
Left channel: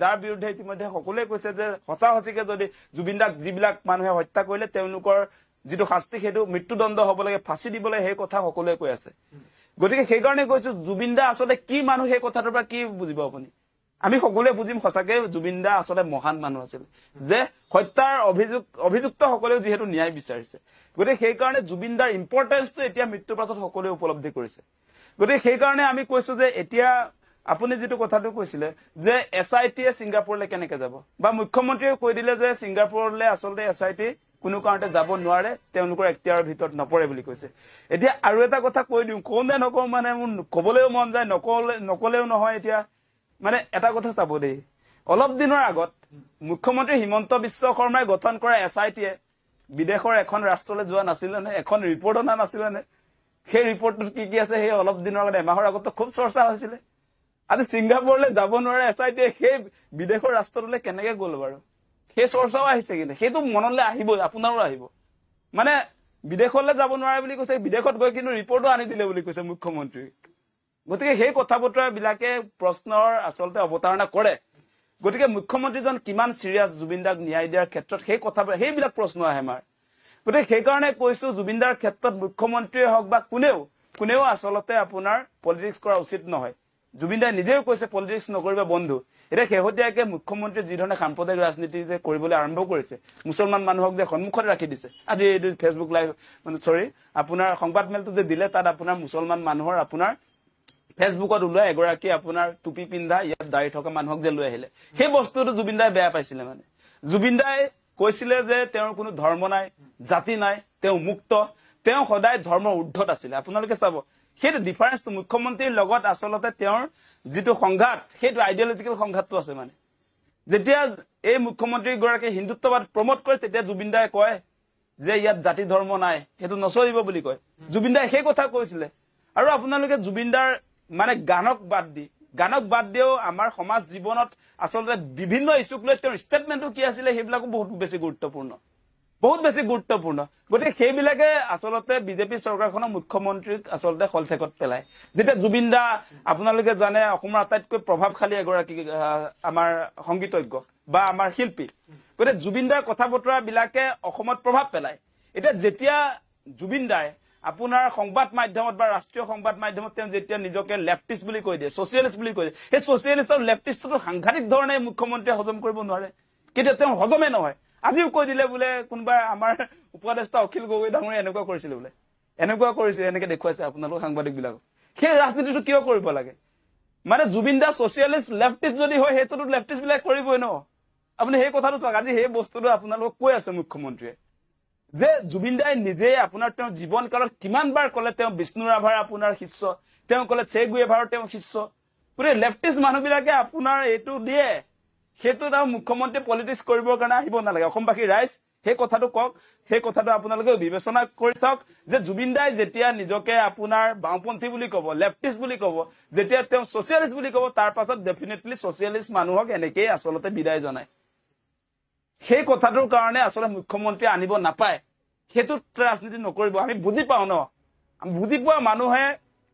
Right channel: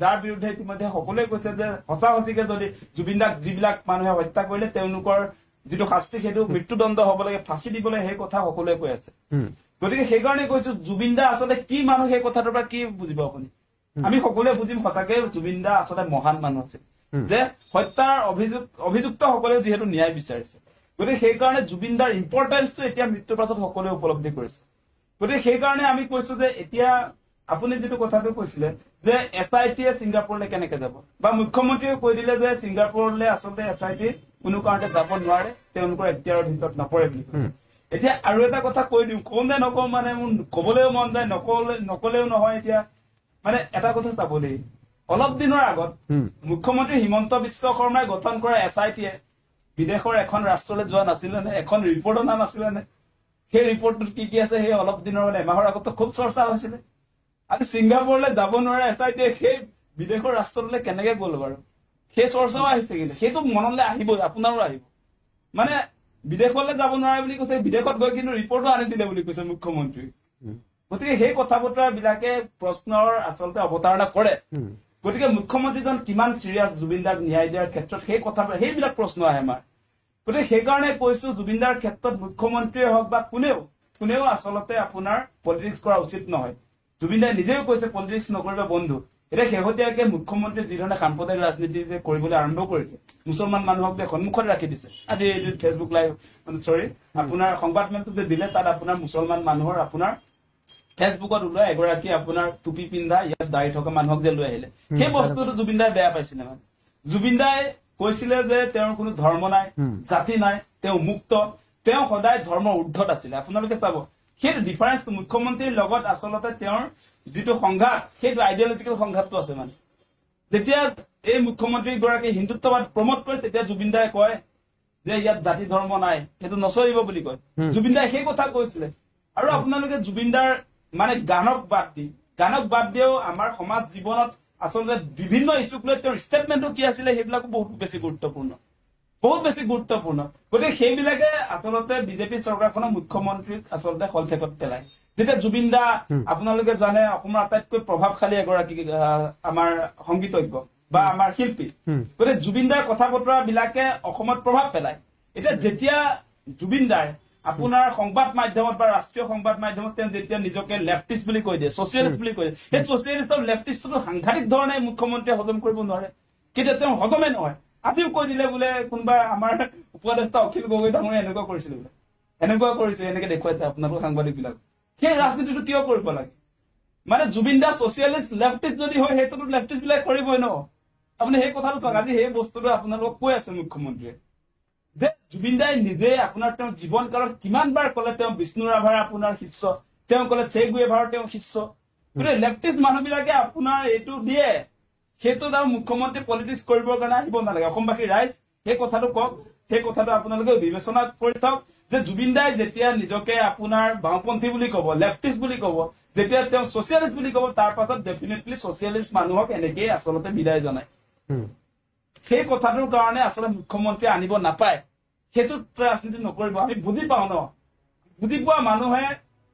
যাৰ বিৰুদ্ধে ইতিমধ্যে সকলোৱে কৈছে যে সঁচাসঁচিকে যদি জুবিনদাক যিবিলাক মানুহে হত্যা কৰিলে তেওঁলোকৰ যিটো শাস্তি সেইটো মৃত্যুদণ্ড হ'ব লাগে ফাঁচি দিবলৈ সেই কথা সকলোৱে কৈ আছে গতিকে সেইকাৰণে কৈছো জুবিনদা আচলতে কি মানুহ সেই কথাটোৰ পৰা কি বুজিব আপুনি আমি সকলোৱে বুজিম সঁচাকে জুবিনদা আচলতে মহান মানুহ আছিল যে হত্যাৰ অভিযুক্ত সকলেও যিহেতু ন্যায় বিচাৰিছে গতিকে সেইকাৰণে জুবিনদাৰ ইম্পৰ্টেন্সটো এতিয়া মৃত্যুৰ পাছত সকলোৱে উপলব্ধি কৰিছে গতিকে সেইকাৰণে আমি কৈছো যে এতিয়া আপুনি যিটো কথাটো কৈছিলে যে SITয়ে ছিংগাপুৰলৈ কেনেকে যাব বা মুখ্যমন্ত্ৰীয়ে কৈ দিলে যে ছিংগাপুৰলৈ আচলতে SIT কোনো কাৰণতে যাব নোৱাৰে তেওঁলোকৰ এখতিয়াৰৰ ভিতৰত নপৰে বুলি কৈছে এতিয়া আৰু এটা কথা কৈ দিওঁ কোনে নকওঁ মানে মোৰ কবলৈও মন যায় নকলেও নহয় এতিয়া মানে এটা কথা চাব দেই অলপ দিনৰ আগত মুখ্যমন্ত্ৰী হিমন্ত বিশ্ব শৰ্মাই গঠন কৰা SITয়ে বিদেশৰ এখন ৰাষ্ট্ৰলৈ যোৱা নাছিলে নে এখন ৰিপৰ্ট অনা নাছিলে নে সেই ৰিপৰ্টটোত কি আছে সেই অলপ দিনৰ আগত এমাহৰ আগত খুব চৰ্চা হৈছিলে আজি ছিংগাপুৰলৈ যাব নোৱাৰে SITয়ে সেই বিদেশৰ ৰাষ্ট্ৰলৈ কেনেকে গ'ল বাৰু সেই চৰ্চাও আহিছে কিন্তু সেইটো মনলৈ আহিব আপোনাৰো আহিব মানে বিদেশলৈ যাব নোৱাৰে বুলি কৈছে বিদেশত গৈ কিন্তু ৰিপৰ্টো আনি দিলে বুলি কৈছে মুখ্যমন্ত্ৰী গতিকে সেই কথা বতৰা বিলাকে প্ৰশ্নৰ আচলতে অৱতাৰণা কৰে গতিকে মুখ্যমন্ত্ৰীজন কিমান সিৰিয়াছ জুবিনদাক ন্যায় দিয়াৰ ক্ষেত্ৰত সেই কথা সেইবিলাক প্ৰশ্ন আহে আমাৰ গতিকে সেইকাৰণে কৈছো জুবিনদাৰ ক্ষেত্ৰত মুখ্যমন্ত্ৰীয়ে হওক বা কোনেও আচলতে আপোনাৰ পলিটিক্স কৰা উচিত নহয় জুবিনদাই নিজেও কৈছে পলিটিক্স নকৰিবা বন্ধু এটা শেহতীয়াকে মুখ্যমন্ত্ৰী যি ধৰণে সাম্প্ৰদায়িক ৰাজনীতি যে কৰিবলৈ আৰম্ভ কৰিছে মুছলমান মানুহক যে সন্মুখত ৰাখি দিছে আজি ফেচবুক লাইভ মানে আপোনাৰ সংবাদমেলটো যে দিলে তাত আপোনাৰ মুছলমান মানুহৰ আপোনাৰ ফেচবুকত ওলাই এগৰাকী আপোনাৰ টুপি পিন্ধা ইয়াত দাড়ি থকা মানুহক যে লৈ আহিলে সেই বস্তুটো জুবিন দাই বেয়া পাইছিলে মানে জুবিন দাই কৈছিলে যে তেওঁৰ কোনো ধৰ্ম নাই জাতি নাই তেওঁ মুক্ত তেওঁ সদায় ধৰ্মৰ ঊৰ্ধ্বত আছিলে আপোনালোকে চাব সেইটো ডিফাৰেন্সটো মুখ্যমন্ত্ৰীৰ লগত আচলতে তেওঁৰ যিটো সংঘাত সেইটো আইডিঅলজিকেল সংঘাতটো আছে মানে যেতিয়া এই মুখ্যমন্ত্ৰী গৰাকী হিন্দুত্ববাদ প্ৰমোট কৰে তেতিয়া জুবিন দাই কয় যে ইয়াত জাতি ধৰ্ম নাই সেইটো নচলিব বুলি কয় জুবিন দাই সেই কথা কৈছিলে আৰু আপোনালোকে জুবিন দাৰ মানে গানক বাদ দিও আমাৰ সমাজ জীৱনত আসলে বিভিন্ন ইস্যুক লৈ তেওঁৰ ষ্টেটমেন্টটো কি আছিল সেইবিলাকো বহুত বেছি গুৰুত্বপূৰ্ণ গতিকে সেইবিলাকে আসলতে বিজেপি চৰকাৰখনৰ মুখ্যমন্ত্ৰীক আসলতে খলঠেকত পেলায় যেতিয়া জুবিন দা আপোনালোকে জানে অসমৰ আটাইতকৈ প্ৰভাৱশালী এগৰাকী আমাৰ সংগীতজ্ঞ বা আমাৰ শিল্পী গতিকে জুবিন দাৰ কথা বতৰা বিলাকে অসমত প্ৰভাৱ পেলায় এতিয়া যেতিয়া জুবিন দাই আপোনাৰ সংবাদ মাধ্যমত বা ৰাষ্ট্ৰীয় সংবাদ মাধ্যমত তেওঁ যেতিয়া নিজকে লেফটিষ্ট বুলি কৈ দিয়ে সোশিয়েলিষ্ট বুলি কৈ দিয়ে এই সোশিয়েলিষ্ট আৰু লেফটিষ্টটো সাংঘাতিক ধৰণে মুখ্যমন্ত্ৰীয়ে হজম কৰিব নোৱাৰে কেতিয়া তেওঁ হজমে নহয় আজিও কৈ দিলে বোলে কোনবা আমাৰ উপদেষ্টা অখিল গগৈ ডাঙৰীয়া এনেকুৱা কৰিছিল বোলে এনেকে দেখুৱাইছে আপোনালোক সাংবাদিক বিলাক সেই ৰাজনীতিটো কিয় কৰিব লাগে মানে জুবিন দা সোশিয়েলিষ্ট লেফটিষ্ট যদি হয় হেতুটো লেফটিষ্ট বিলাক কৰিবই ন আপুনি সেই কথাটো চাওক আজি সেই বস্তুটো আপোনালোক কৈ আছে মুখ্যমন্ত্ৰীয়ে যে জুবিন দাই নিজে আপোনাৰ তেওঁ জীৱন কালত কিমান বাৰ কলে তেওঁ বিষ্ণু ৰাভাৰ আপোনাৰ শিষ্য তেওঁ কলে চে গুয়েভাৰৰ তেওঁ শিষ্য পুৰে লেফটিষ্ট মানুহবিলাকে আপোনাৰ এইটো দিয়ে হেতু না মুখ্যমন্ত্ৰী পলিটিক্স কৰিবৰ কাৰণে আহিব নালাগে অসমবাসী ৰাইজ সেই কথাটো কক সেই কথাটো আপোনালোকে বিবেচনা কৰি চাওক যে জুবিন দাই যেতিয়া নিজকে আপোনাৰ বামপন্থী বুলি কব লেফটিষ্ট বুলি কব যেতিয়া তেওঁ সোশিয়েলিষ্ট বুলি কব তাৰ পাছত ডেফিনেটলি সোশিয়েলিষ্ট মানুহক এনেকৈ আসলতে বিদায় জনায় সেই কথাটোৰ কাৰণে আসলে মুখ্যমন্ত্ৰী আনিব নাপায় হেতু ৰাজনীতি নকৰিব আমি বুজি পাও ন আমি বুজি পোৱা মানুহে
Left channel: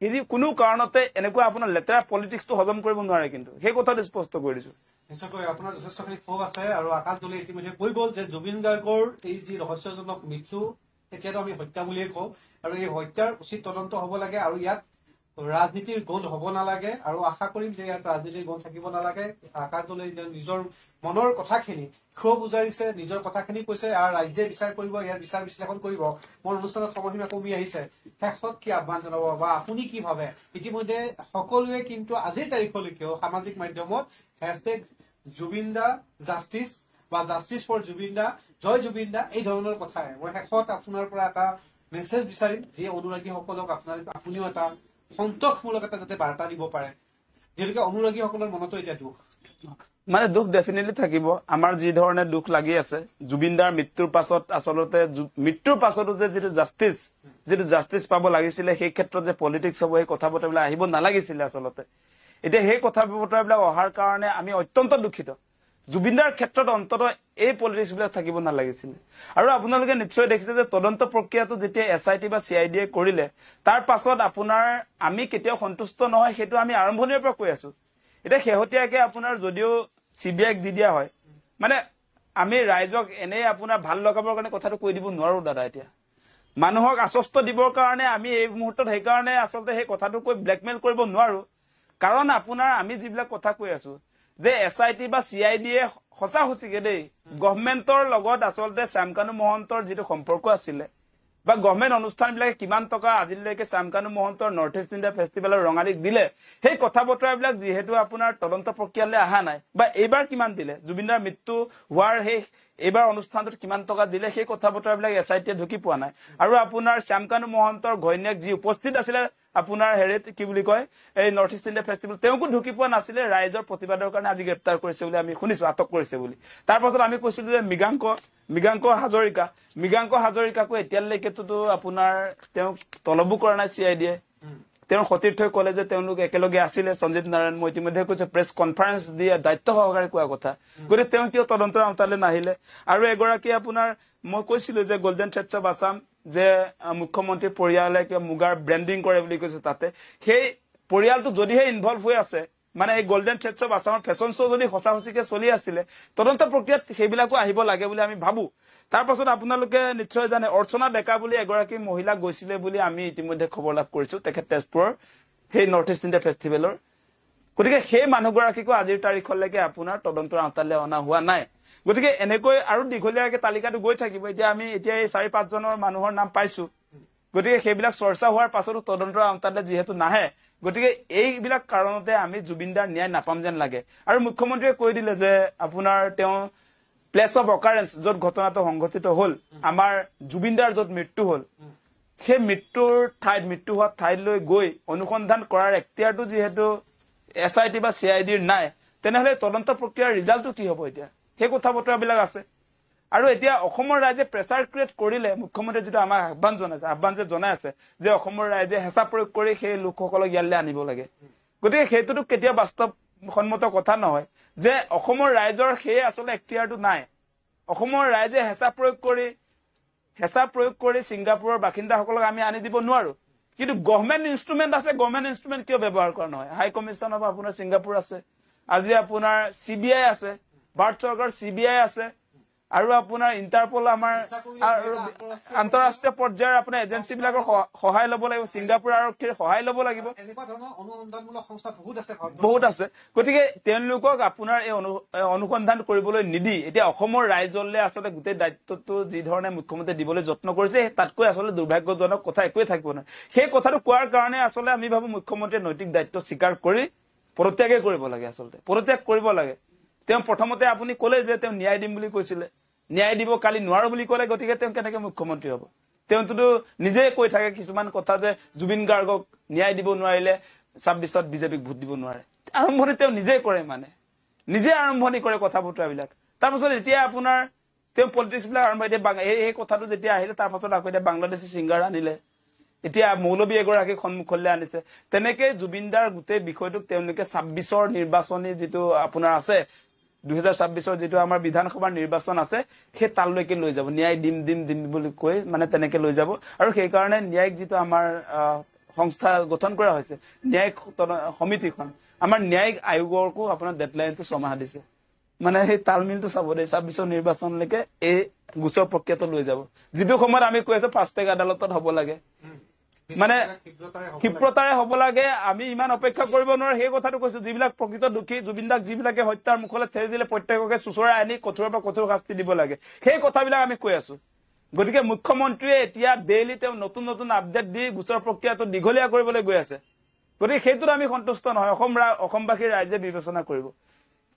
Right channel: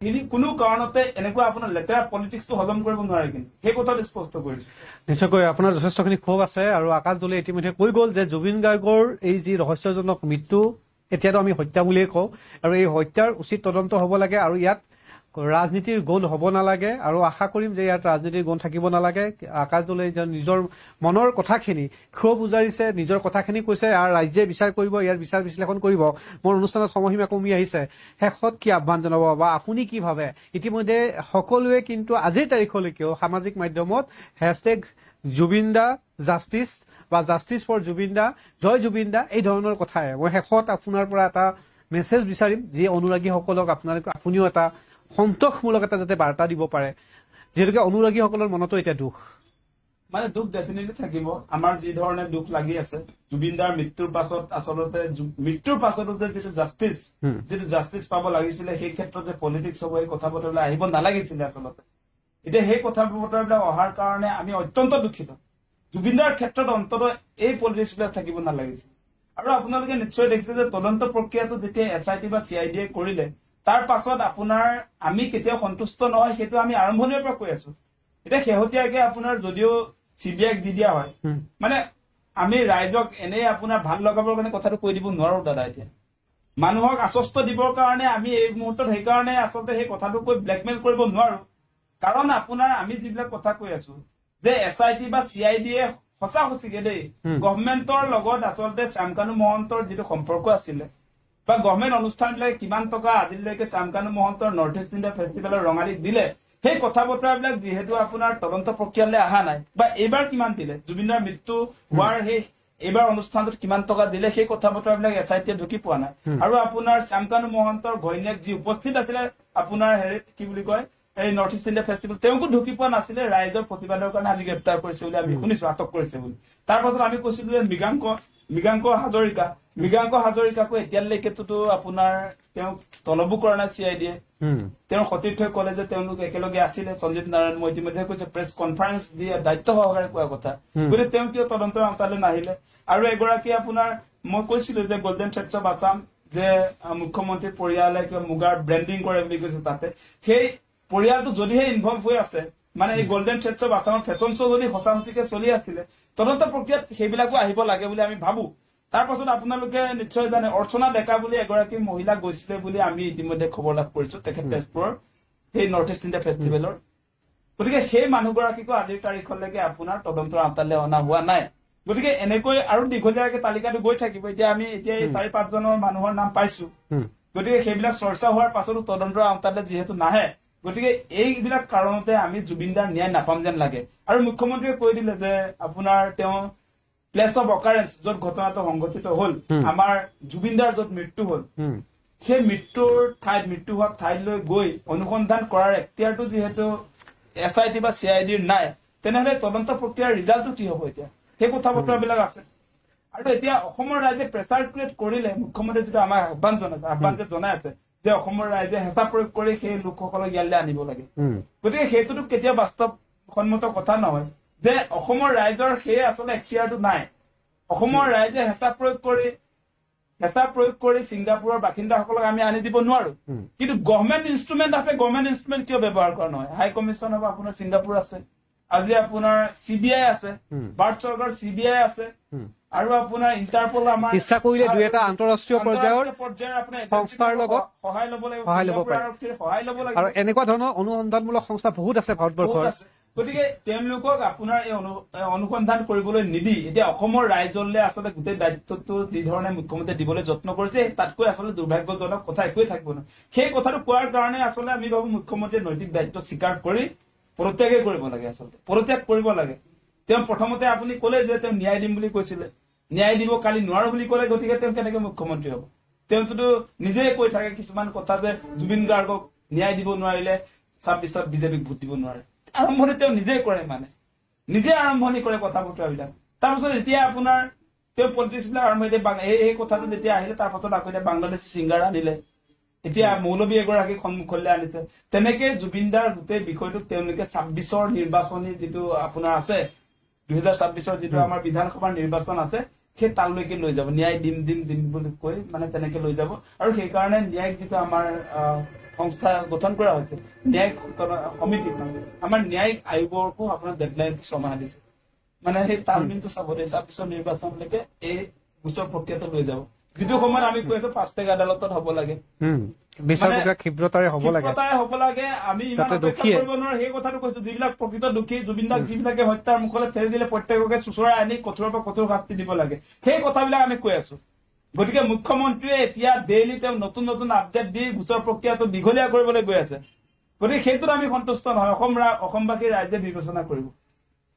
এই কোনো কাৰণতে এনেকুৱা আপোনাৰ লেটাৰ পলিটিক্সটো হজম কৰিব নোৱাৰে কিন্তু সেই কথাটো স্পষ্ট কৰি দিছো নিশ্চয়কৈ আপোনাৰ যথেষ্টখিনি ক্ষোভ আছে আৰু আকাশ দলে ইতিমধ্যে কৈ গ'ল যে জুবিন গাৰ্গৰ এই যি ৰহস্যজনক মৃত্যু এতিয়াতো আমি হত্যা বুলিয়ে কওঁ আৰু এই হত্যাৰ উচিত তদন্ত হ'ব লাগে আৰু ইয়াত ৰাজনীতিৰ গোল হ'ব নালাগে আৰু আশা কৰিম যে ইয়াত ৰাজনীতিৰ গোল থাকিব নালাগে আকাশ দলে নিজৰ মনৰ কথাখিনি ক্ষোভ উজাৰিছে নিজৰ কথাখিনি কৈছে আৰু ৰাজ্যে বিচাৰ কৰিব ইয়াৰ বিচাৰ বিশ্লেষণ কৰিব মোৰ অনুষ্ঠানত সময়সীমা কমি আহিছে শেষত কি আহ্বান জনাব বা আপুনি কি ভাবে ইতিমধ্যে সকলোৱে কিন্তু আজিৰ তাৰিখলৈকেও সামাজিক মাধ্যমত #জুবিন দা জাষ্টিছ বা জাষ্টিছ ফৰ জুবিন দা জয় জুবিন দা এই ধৰণৰ কথাই মই শেষত আপোনাৰ পৰা এটা মেছেজ বিচাৰিম যি অনুৰাগীসকলক আপুনিও এটা সন্তোষমূলক এটা যাতে বাৰ্তা দিব পাৰে যেহেতুকে অনুৰাগীসকলৰ মনতো এতিয়া দুখ মানে দুখ ডেফিনেটলি থাকিব আমাৰ যি ধৰণে দুখ লাগি আছে জুবিন দাৰ মৃত্যুৰ পাছত আসলতে মৃত্যুৰ পাছতো যে যিটো জাষ্টিছ পাব লাগিছিলে সেই ক্ষেত্ৰত যে পলিটিক্স হ'ব এই কথা বতৰাবিলাক আহিব নালাগিছিলে আসলতে এতিয়া সেই কথা বতৰাবিলাক অহাৰ কাৰণে আমি অত্যন্ত দুখিত জুবিন দাৰ ক্ষেত্ৰত অন্তত এই পলিটিক্স বিলাক থাকিব নালাগিছিলে আৰু আপোনালোকে নিশ্চয় দেখিছে যে তদন্ত প্ৰক্ৰিয়াটো যেতিয়া SIT বা CID কৰিলে তাৰ পাছত আপোনাৰ আমি কেতিয়াও সন্তুষ্ট নহয় সেইটো আমি আৰম্ভণিৰ পৰা কৈ আছো এটা শেহতীয়াকে আপোনাৰ যদিও CBI দি দিয়া হয় মানে আমি ৰাইজক এনে আপোনাৰ ভাল লগাবৰ কাৰণে কথাটো কৈ দিব নোৱাৰো দাদা এতিয়া মানুহক আশ্বস্ত দিবৰ কাৰণে আমি এই মুহূৰ্তত সেই কাৰণে আসলতে সেই কথাটো কৈ ব্লেকমেইল কৰিব নোৱাৰো কাৰণ আপোনাৰ আমি যিবিলাক কথা কৈ আছো যে SIT বা CID সঁচা সঁচিকে দেই গভৰ্ণমেণ্টৰ লগত আসলতে শ্যামকানু মহন্তৰ যিটো সম্পৰ্ক আছিলে বা গভৰ্ণমেণ্ট অনুষ্ঠানবিলাকে কিমান টকা আজিলৈকে শ্যামকানু মহন্তৰ নৰ্থ ইষ্ট ইণ্ডিয়া ফেষ্টিভেলৰ ৰঙালীক দিলে সেই কথা বতৰাবিলাক যিহেতু আপোনাৰ তদন্ত প্ৰক্ৰিয়ালৈ অহা নাই বা এইবাৰ কিমান দিলে জুবিনৰ মৃত্যু হোৱাৰ সেই এইবাৰ অনুষ্ঠানটোত কিমান টকা দিলে সেই কথা বতৰাবিলাক SIT ঢুকি পোৱা নাই আৰু আপোনাৰ শ্যামকানু মহন্তৰ ঘৈণীয়েক যি উপস্থিত আছিলে আপোনাৰ হেৰিত কি বুলি কয় এই নৰ্থ ইষ্ট ইণ্ডিয়া ফেষ্টিভেল তেওঁকো ঢুকি পোৱা নাছিলে ৰাইজৰ প্ৰতিবাদৰ কাৰণে আজি গ্ৰেপ্তাৰ কৰিছে বুলি আমি শুনিছো আটক কৰিছে বুলি তাৰ পাছত আমি কৈছিলো যে মৃগাংক হাজৰিকাকো এতিয়ালৈকেতো আপোনাৰ তেওঁ তলবো কৰা নাই CID তেওঁ সতীৰ্থই কলে যে তেওঁলোক একেলগে আছিলে সঞ্জীৱ নাৰায়ণ মই ইতিমধ্যে কৈছে প্ৰেছ কনফাৰেন্স দিয়ে দায়িত্ব সহকাৰে কোৱা কথা গতিকে তেওঁ কিয় তদন্তৰ আওতালৈ নাহিলে আৰু এগৰাকী আপোনাৰ মই কৈছিলো যে গোল্ডেন থ্ৰেডছ অফ আছাম যে মুখ্যমন্ত্ৰীৰ পৰিয়ালে কিয় মুগাৰ ব্ৰেণ্ডিং কৰে বুলি কৈছে তাতে সেই পৰিয়ালটো যদিহে ইনভলভ হৈ আছে মানে এই গোল্ডেন থ্ৰেডছ অফ আছামৰ ফেশ্বন শ্ব' যদি সঁচা সঁচিকে চলি আছিলে তদন্ত প্ৰক্ৰিয়াত সেইবিলাকো আহিব লাগে বুলি আমি ভাবো তাৰ পাছত আপোনালোকে নিশ্চয় জানে অৰ্চনা ডেকা বুলি এগৰাকী মহিলা গৈছিলে বুলি আমি ইতিমধ্যে খবৰ লাভ কৰিছো তেখেত তেজপুৰৰ সেই নৰ্থ ইষ্ট ইণ্ডিয়া ফেষ্টিভেলৰ গতিকে সেই মানুহগৰাকীকো আজিৰ তাৰিখলৈকে আপোনাৰ তদন্তৰ আওতালৈ অনা হোৱা নাই গতিকে এনেকৈ আৰু দীঘলীয়াকে তালিকাটো গৈ থাকিব এতিয়া আমি এতিয়া এই 4-5 জনৰ মানুহৰ নাম পাইছো গতিকে সেইবিলাক চৰ্চা হোৱাৰ পাছতো তদন্তৰ আওতালৈ যিহেতু নাহে গতিকে এইবিলাক কাৰণতে আমি জুবিনদাৰ ন্যায় নাপাম যেন লাগে আৰু মুখ্যমন্ত্ৰীয়ে কৈ দিলে যে আপোনাৰ তেওঁ প্লেস অফ অকাৰেন্স য'ত ঘটনাটো সংঘটিত হল আমাৰ জুবিনদাৰ য'ত মৃত্যু হল সেই মৃত্যু হোৱা ঠাইলৈ গৈ অনুসন্ধান কৰাৰ এখতিয়াৰটো যিহেতু SIT বা CID নাই তেনেহলে তদন্ত প্ৰক্ৰিয়াৰ ৰিজাল্টটো কি হ'ব এতিয়া সেই কথা বতৰাবিলাক আছে আৰু এতিয়া অসমৰ ৰাইজে প্ৰেছাৰ ক্ৰিয়েট কৰিলে মুখ্যমন্ত্ৰী যেটা আমাৰ আহ্বান যে জনাই আছে যে অসমৰ ৰাইজে হেঁচা প্ৰয়োগ কৰি সেই লোকসকলক ইয়ালৈ আনিব লাগে গতিকে সেইটোতো কেতিয়া বাস্তৱ সন্মত কথা নহয় যে অসমৰ ৰাইজৰ সেই আসলে এখতিয়াৰটো নাই অসমৰ ৰাইজে হেঁচা প্ৰয়োগ কৰি সিংগাপুৰৰ বাসিন্দাসকলক আমি আনি দিব নোৱাৰো কিন্তু গভৰ্ণমেণ্ট ইনষ্ট্ৰুমেণ্ট আছে গভৰ্ণমেণ্ট ইনষ্ট্ৰুমেণ্ট কিয় ব্যৱহাৰ কৰা নহয় হাই কমিছন হ'ব আপোনাৰ সিংগাপুৰ আছে আজি আপোনাৰ CBI আছে ভাৰত চৰকাৰ CBI আছে আৰু আপোনাৰ ইন্টাৰপল আমাৰ ইচ্ছা কৰিলে দুই এটা আন্তঃৰাষ্ট্ৰীয় পৰ্যায়ৰ আপোনাৰ এজেন্সিবিলাকৰ সহায় ল'ব লাগিব সিংগাপুৰ আৰক্ষীৰ সহায় ল'ব লাগিব আৰু এনেকুৱা ধৰণৰ অনুসন্ধানমূলক সংস্থা বহুত আছে ভাৰতবৰ্ষত বহুত আছে গতিকে তেওঁলোকক আপোনাৰ এই অনুসন্ধান কৰিবলৈ নিদি এতিয়া অসমৰ ৰাইজলৈ আচলতে গোটেই দায়িত্বটো যি ধৰণে মুখ্যমন্ত্ৰী দিবলৈ যত্ন কৰিছে তাতকৈ আচলতে দুৰ্ভাগ্যজনক কথা একোৱে থাকিব নহয় সেই কথাটো কোৱাৰ কাৰণে আচলতে আমি ভাবো মুখ্যমন্ত্ৰীয়ে নৈতিক দায়িত্ব স্বীকাৰ কৰি পদত্যাগ কৰিব লাগে আচলতে পদত্যাগ কৰিব লাগে তেওঁ প্ৰথমতে আপুনি ক'লে যে তেওঁ ন্যায় দিম বুলি কৈছিলে ন্যায় দিব কালি নোৱাৰো বুলি ক'লে গতিকে তেওঁ কেনেকৈ মুখ্যমন্ত্ৰী হ'ব তেওঁতো নিজে কৈ থাকে কিছুমান কথা যে জুবিন গাৰ্গক ন্যায় দিব নোৱাৰিলে 26ত বিজেপিক ভোট দিব নোৱাৰে আৰম্ভণি তেওঁ নিজে কৰে মানে নিজে আৰম্ভণি কৰে কথা বতৰাবিলাক তাৰপিছত এতিয়া আপোনাৰ তেওঁ পলিটিক্সবিলাক আৰম্ভ এই কথাটো যেতিয়া আহিলে তাৰপাছত আকৌ এতিয়া বাংলাদেশী সিংগাৰ আনিলে এতিয়া মৌলবী এগৰাকী সন্মুখলৈ আনিছে তেনেকে জুবিনদাৰ গোটেই বিষয়টোক তেওঁলোকে 26ৰ নিৰ্বাচনী যিটো আপোনাৰ আছে 2026ৰ যিটো আমাৰ বিধানসভাৰ নিৰ্বাচন আছে সেই তালৈকে লৈ যাব ন্যায় দিম বুলি কৈ মানে তেনেকে লৈ যাব আৰু সেই কাৰণে ন্যায়িক যিটো আমাৰ সংস্থা গঠন কৰা হৈছে ন্যায়িক সমিতিখন আমাৰ ন্যায়িক আয়োগকো আপোনাৰ ডেডলাইনটো ছমাহ দিছে মানে সেই তালমিলটো চাব দে 26ৰ নিৰ্বাচনলৈকে এই গোচৰ প্ৰক্ৰিয়াটো লৈ যাব যিটো সময়ত আমি কৈ আছো 5 টেক আদালতত হ'ব লাগে ক্ষিপ্ৰতাৰে হ'ব লাগে আমি ইমান অপেক্ষা কৰিব নোৱাৰো সেই কথাটো কৈছো যিবিলাক প্ৰকৃত দুখী জুবিনদাক যিবিলাকে হত্যাৰ মুখলৈ ঠেলি দিলে প্ৰত্যেককে চুচৰাই আনি কঠোৰৰ পৰা কঠোৰ শাস্তি দিব লাগে সেই কথাবিলাক আমি কৈ আছো গতিকে মুখ্যমন্ত্ৰীয়ে এতিয়া ডেইলি তেওঁ নতুন আপডেট দি গোচৰ প্ৰক্ৰিয়াটো দীঘলীয়া কৰিবলৈ গৈ আছে গতিকে সেইটোত আমি সন্তুষ্ট নহয় অসমবাসীৰ ৰাইজে বিবেচনা কৰিব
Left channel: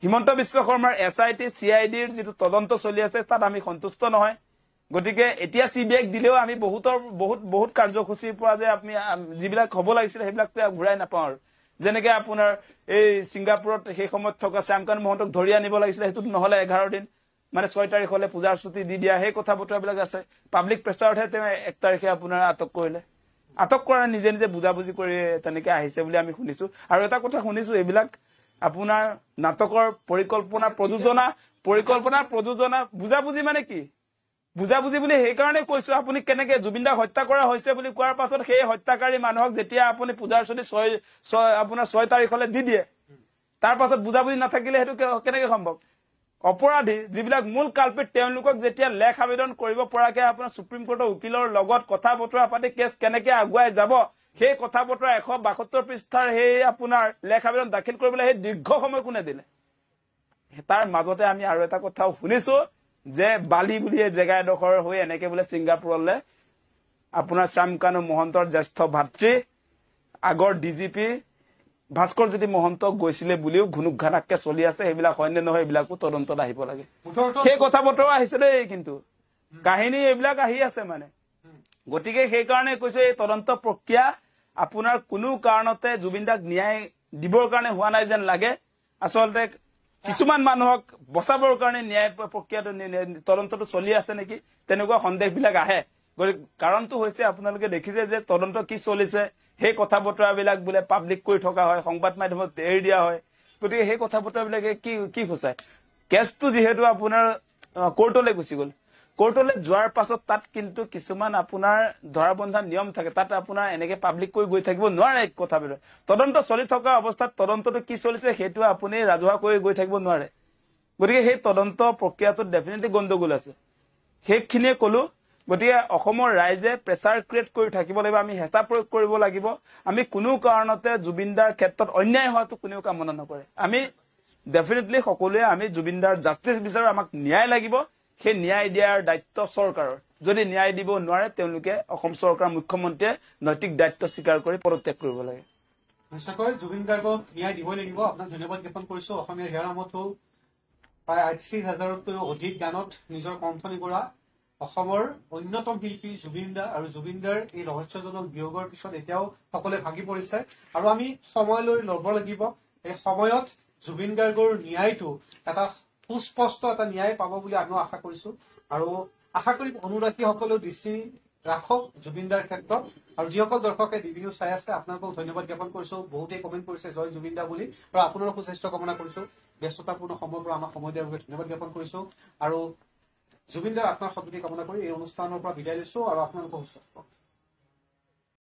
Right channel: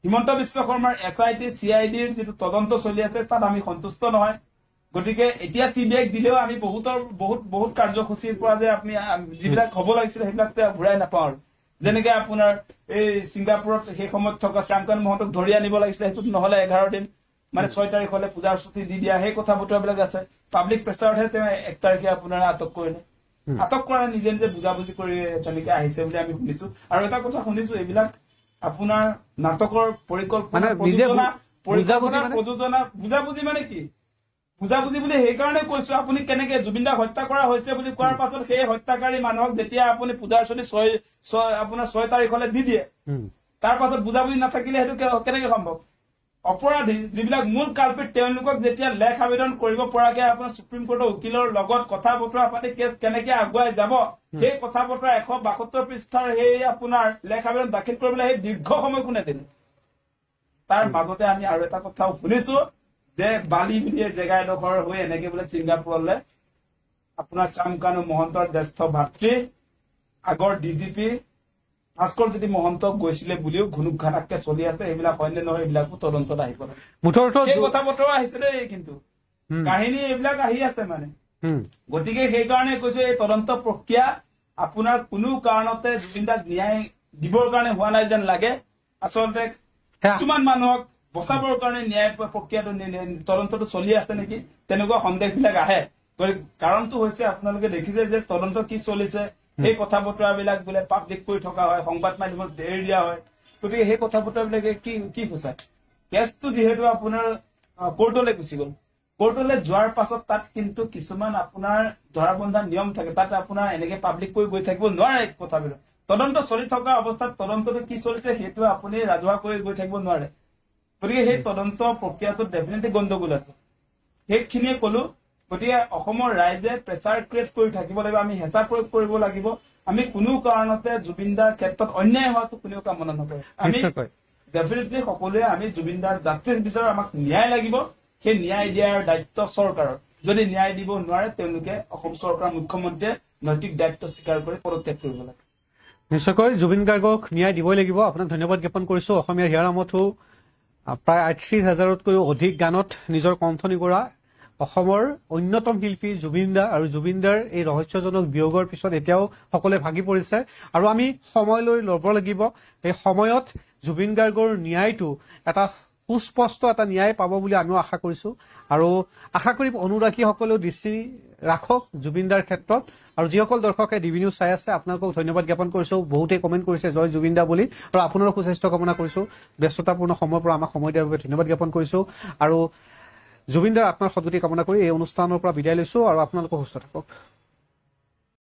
হিমন্ত বিশ্ব শৰ্মাৰ SIT CIDৰ যিটো তদন্ত চলি আছে তাত আমি সন্তুষ্ট নহয় গতিকে এতিয়া CBI দিলেও আমি বহুত কাৰ্যসূচীৰ পৰা যে আপুনি যিবিলাক হ'ব লাগিছিল সেইবিলাক ঘূৰাই নাপাওঁ যেনেকে আপোনাৰ এই সিংগাপুৰত সেই সময়ত থকা শ্যামকান্ত মহন্তক ধৰি আনিব লাগিছিল সেইটোত নহলে 11 দিন মানে 6 তাৰিখলৈ পূজাৰ ছুটি দি দিয়া সেই কথা বতৰাবিলাক আছে পাব্লিক প্ৰেছাৰতহে তেওঁ 1 তাৰিখে আপোনাৰ আটক কৰিলে আটক কৰা নিজে বুজাবুজি কৰি তেনেকে আহিছে বুলি আমি শুনিছো আৰু এটা কথা শুনিছো এইবিলাক আপোনাৰ নাটকৰ পৰিকল্পনা প্ৰযোজনা বুজাবুজি মানে কি বুজাবুজি বুলি সেই কাৰণে কৈছো আপুনি কেনেকে জুবিনদাক হত্যা কৰা হৈছে বুলি কোৱাৰ পাছত সেই হত্যাকাৰী মানুহক যেতিয়া আপুনি পূজাৰ ছুটি 6 তাৰিখলৈ দি দিয়ে তাৰ পাছত বুজাবুজি নাথাকিলে সেইটো কেনেকে সম্ভৱ অপৰাধী যিবিলাক মূল কালপিত তেওঁলোকক যেতিয়া লেখ আবেদন কৰিব পৰাকে আপোনাৰ সুপ্ৰিম কোৰ্টৰ উকিলৰ লগত কথা বতৰা পাতি কেছ কেনেকে আগুৱাই যাব সেই কথা বতৰা 172 পৃষ্ঠাৰ সেই আপোনাৰ লেখ আবেদন দাখিল কৰিবলৈ সেই দীৰ্ঘ সময় কোনে দিলে তাৰ মাজতে আমি আৰু এটা কথাও শুনিছো যে বালি বুলি জেগা এডোখৰ হৈ এনেকে বোলে সিংগাপুৰলৈ আপোনাৰ শ্যামকানু মহন্তৰ জ্যেষ্ঠ ভাতৃ আগৰ DGP ভাস্কৰ যদি মহন্ত গৈছিলে বুলিও ঘুনুক ঘানাককে চলি আছে এইবিলাক হয় নে নহয় এইবিলাকো তদন্তত আহিব লাগে সেই কথা বতৰা আহিছে দেই কিন্তু কাহিনী এইবিলাক আহি আছে মানে গতিকে সেই কাৰণে কৈছো এই তদন্ত প্ৰক্ৰিয়া আপোনাৰ কোনো কাৰণতে জুবিনদাক ন্যায় দিবৰ কাৰণে হোৱা নাই যেন লাগে আচলতে কিছুমান মানুহক বচাবৰ কাৰণে ন্যায় প্ৰক্ৰিয়াটো তদন্তটো চলি আছে নেকি তেনেকুৱা সন্দেহবিলাক আহে কাৰণটো হৈছে আপোনালোকে দেখিছে যে তদন্ত কি চলিছে সেই কথা বতৰাবিলাক বোলে পাব্লিক কৰি থকা হয় সংবাদ মাধ্যমত এৰি দিয়া হয় গতিকে সেই কথা বতৰাবিলাকে কি সূচায় কেছটো যিহেতু আপোনাৰ কোৰ্টলৈ গুচি গ'ল কোৰ্টলৈ যোৱাৰ পাছত তাত কিন্তু কিছুমান আপোনাৰ ধৰাবন্ধা নিয়ম থাকে তাত আপোনাৰ এনেকে পাব্লিক কৰি গৈ থাকিব নোৱাৰে কথাবিলাক তদন্ত চলি থকা অৱস্থাত তদন্তটো কি চলিছে সেইটো আপুনি ৰাজহুৱা কৰি গৈ থাকিব নোৱাৰে গতিকে সেই তদন্ত প্ৰক্ৰিয়াটোত ডেফিনেটলি গণ্ডগোল আছে সেইখিনিয়ে ক'লো গতিকে অসমৰ ৰাইজে প্ৰেছাৰ ক্ৰিয়েট কৰি থাকিব লাগিব আমি হেঁচা প্ৰয়োগ কৰিব লাগিব আমি কোনো কাৰণতে জুবিনদাৰ ক্ষেত্ৰত অন্যায় হোৱাটো কোনেও কামনা নকৰে আমি ডেফিনেটলি সকলোৱে আমি জুবিনদাৰ জাষ্টিছ বিচাৰো আমাক ন্যায় লাগিব সেই ন্যায় দিয়াৰ দায়িত্ব চৰকাৰৰ যদি ন্যায় দিব নোৱাৰে তেওঁলোকে অসম চৰকাৰ মুখ্যমন্ত্ৰীয়ে নৈতিক দায়িত্ব স্বীকাৰ কৰি পদত্যাগ কৰিব লাগে নিশ্চয়কৈ জুবিন গাৰ্গক ন্যায় দিবই লাগিব। আপোনাক ধন্যবাদ জ্ঞাপন কৰিছো। অসমীয়াৰ হিয়াৰামতো প্ৰায় ৩৮,০০০তকৈও অধিক গানত নিজৰ কণ্ঠনি কৰা অসমৰ অন্যতম শিল্পী জুবিন দা আৰু জুবিন দাৰ এই ৰহস্যজনক বিয়োগৰ পিছত এতিয়াও সকলোৱে ভাগি পৰিছে আৰু আমি সময়লৈ ল'ব লাগিব। এই সময়ত জুবিন গাৰ্গৰ ন্যায়টো এটা সুস্পষ্ট এটা ন্যায় পাব বুলি আমিও আশা কৰিছো আৰু আশা কৰিম অনুৰাগীসকলেও দৃষ্টি ৰাখক জুবিন দাৰ ক্ষেত্ৰত। আৰু যিসকল দৰ্শকে ডিবি নিউজ চাই আছে আপোনালোকক ধন্যবাদ জ্ঞাপন কৰিছো। বহুতে কমেণ্ট কৰিছে জয় জুবিন দা বুলি আৰু আপোনাৰো সুস্বাস্থ্য কামনা কৰিছো। ব্যস্ততাপূৰ্ণ সময়ৰ পৰা আমাক সময় দিয়াৰ বাবে ধন্যবাদ জ্ঞাপন কৰিছো আৰু জুবিন দাৰ আত্মাৰ সদ্গতি কামনা কৰি এই অনুষ্ঠানৰ পৰা বিদায় লৈছো আৰু আপোনালোকক সুস্থ থাকক।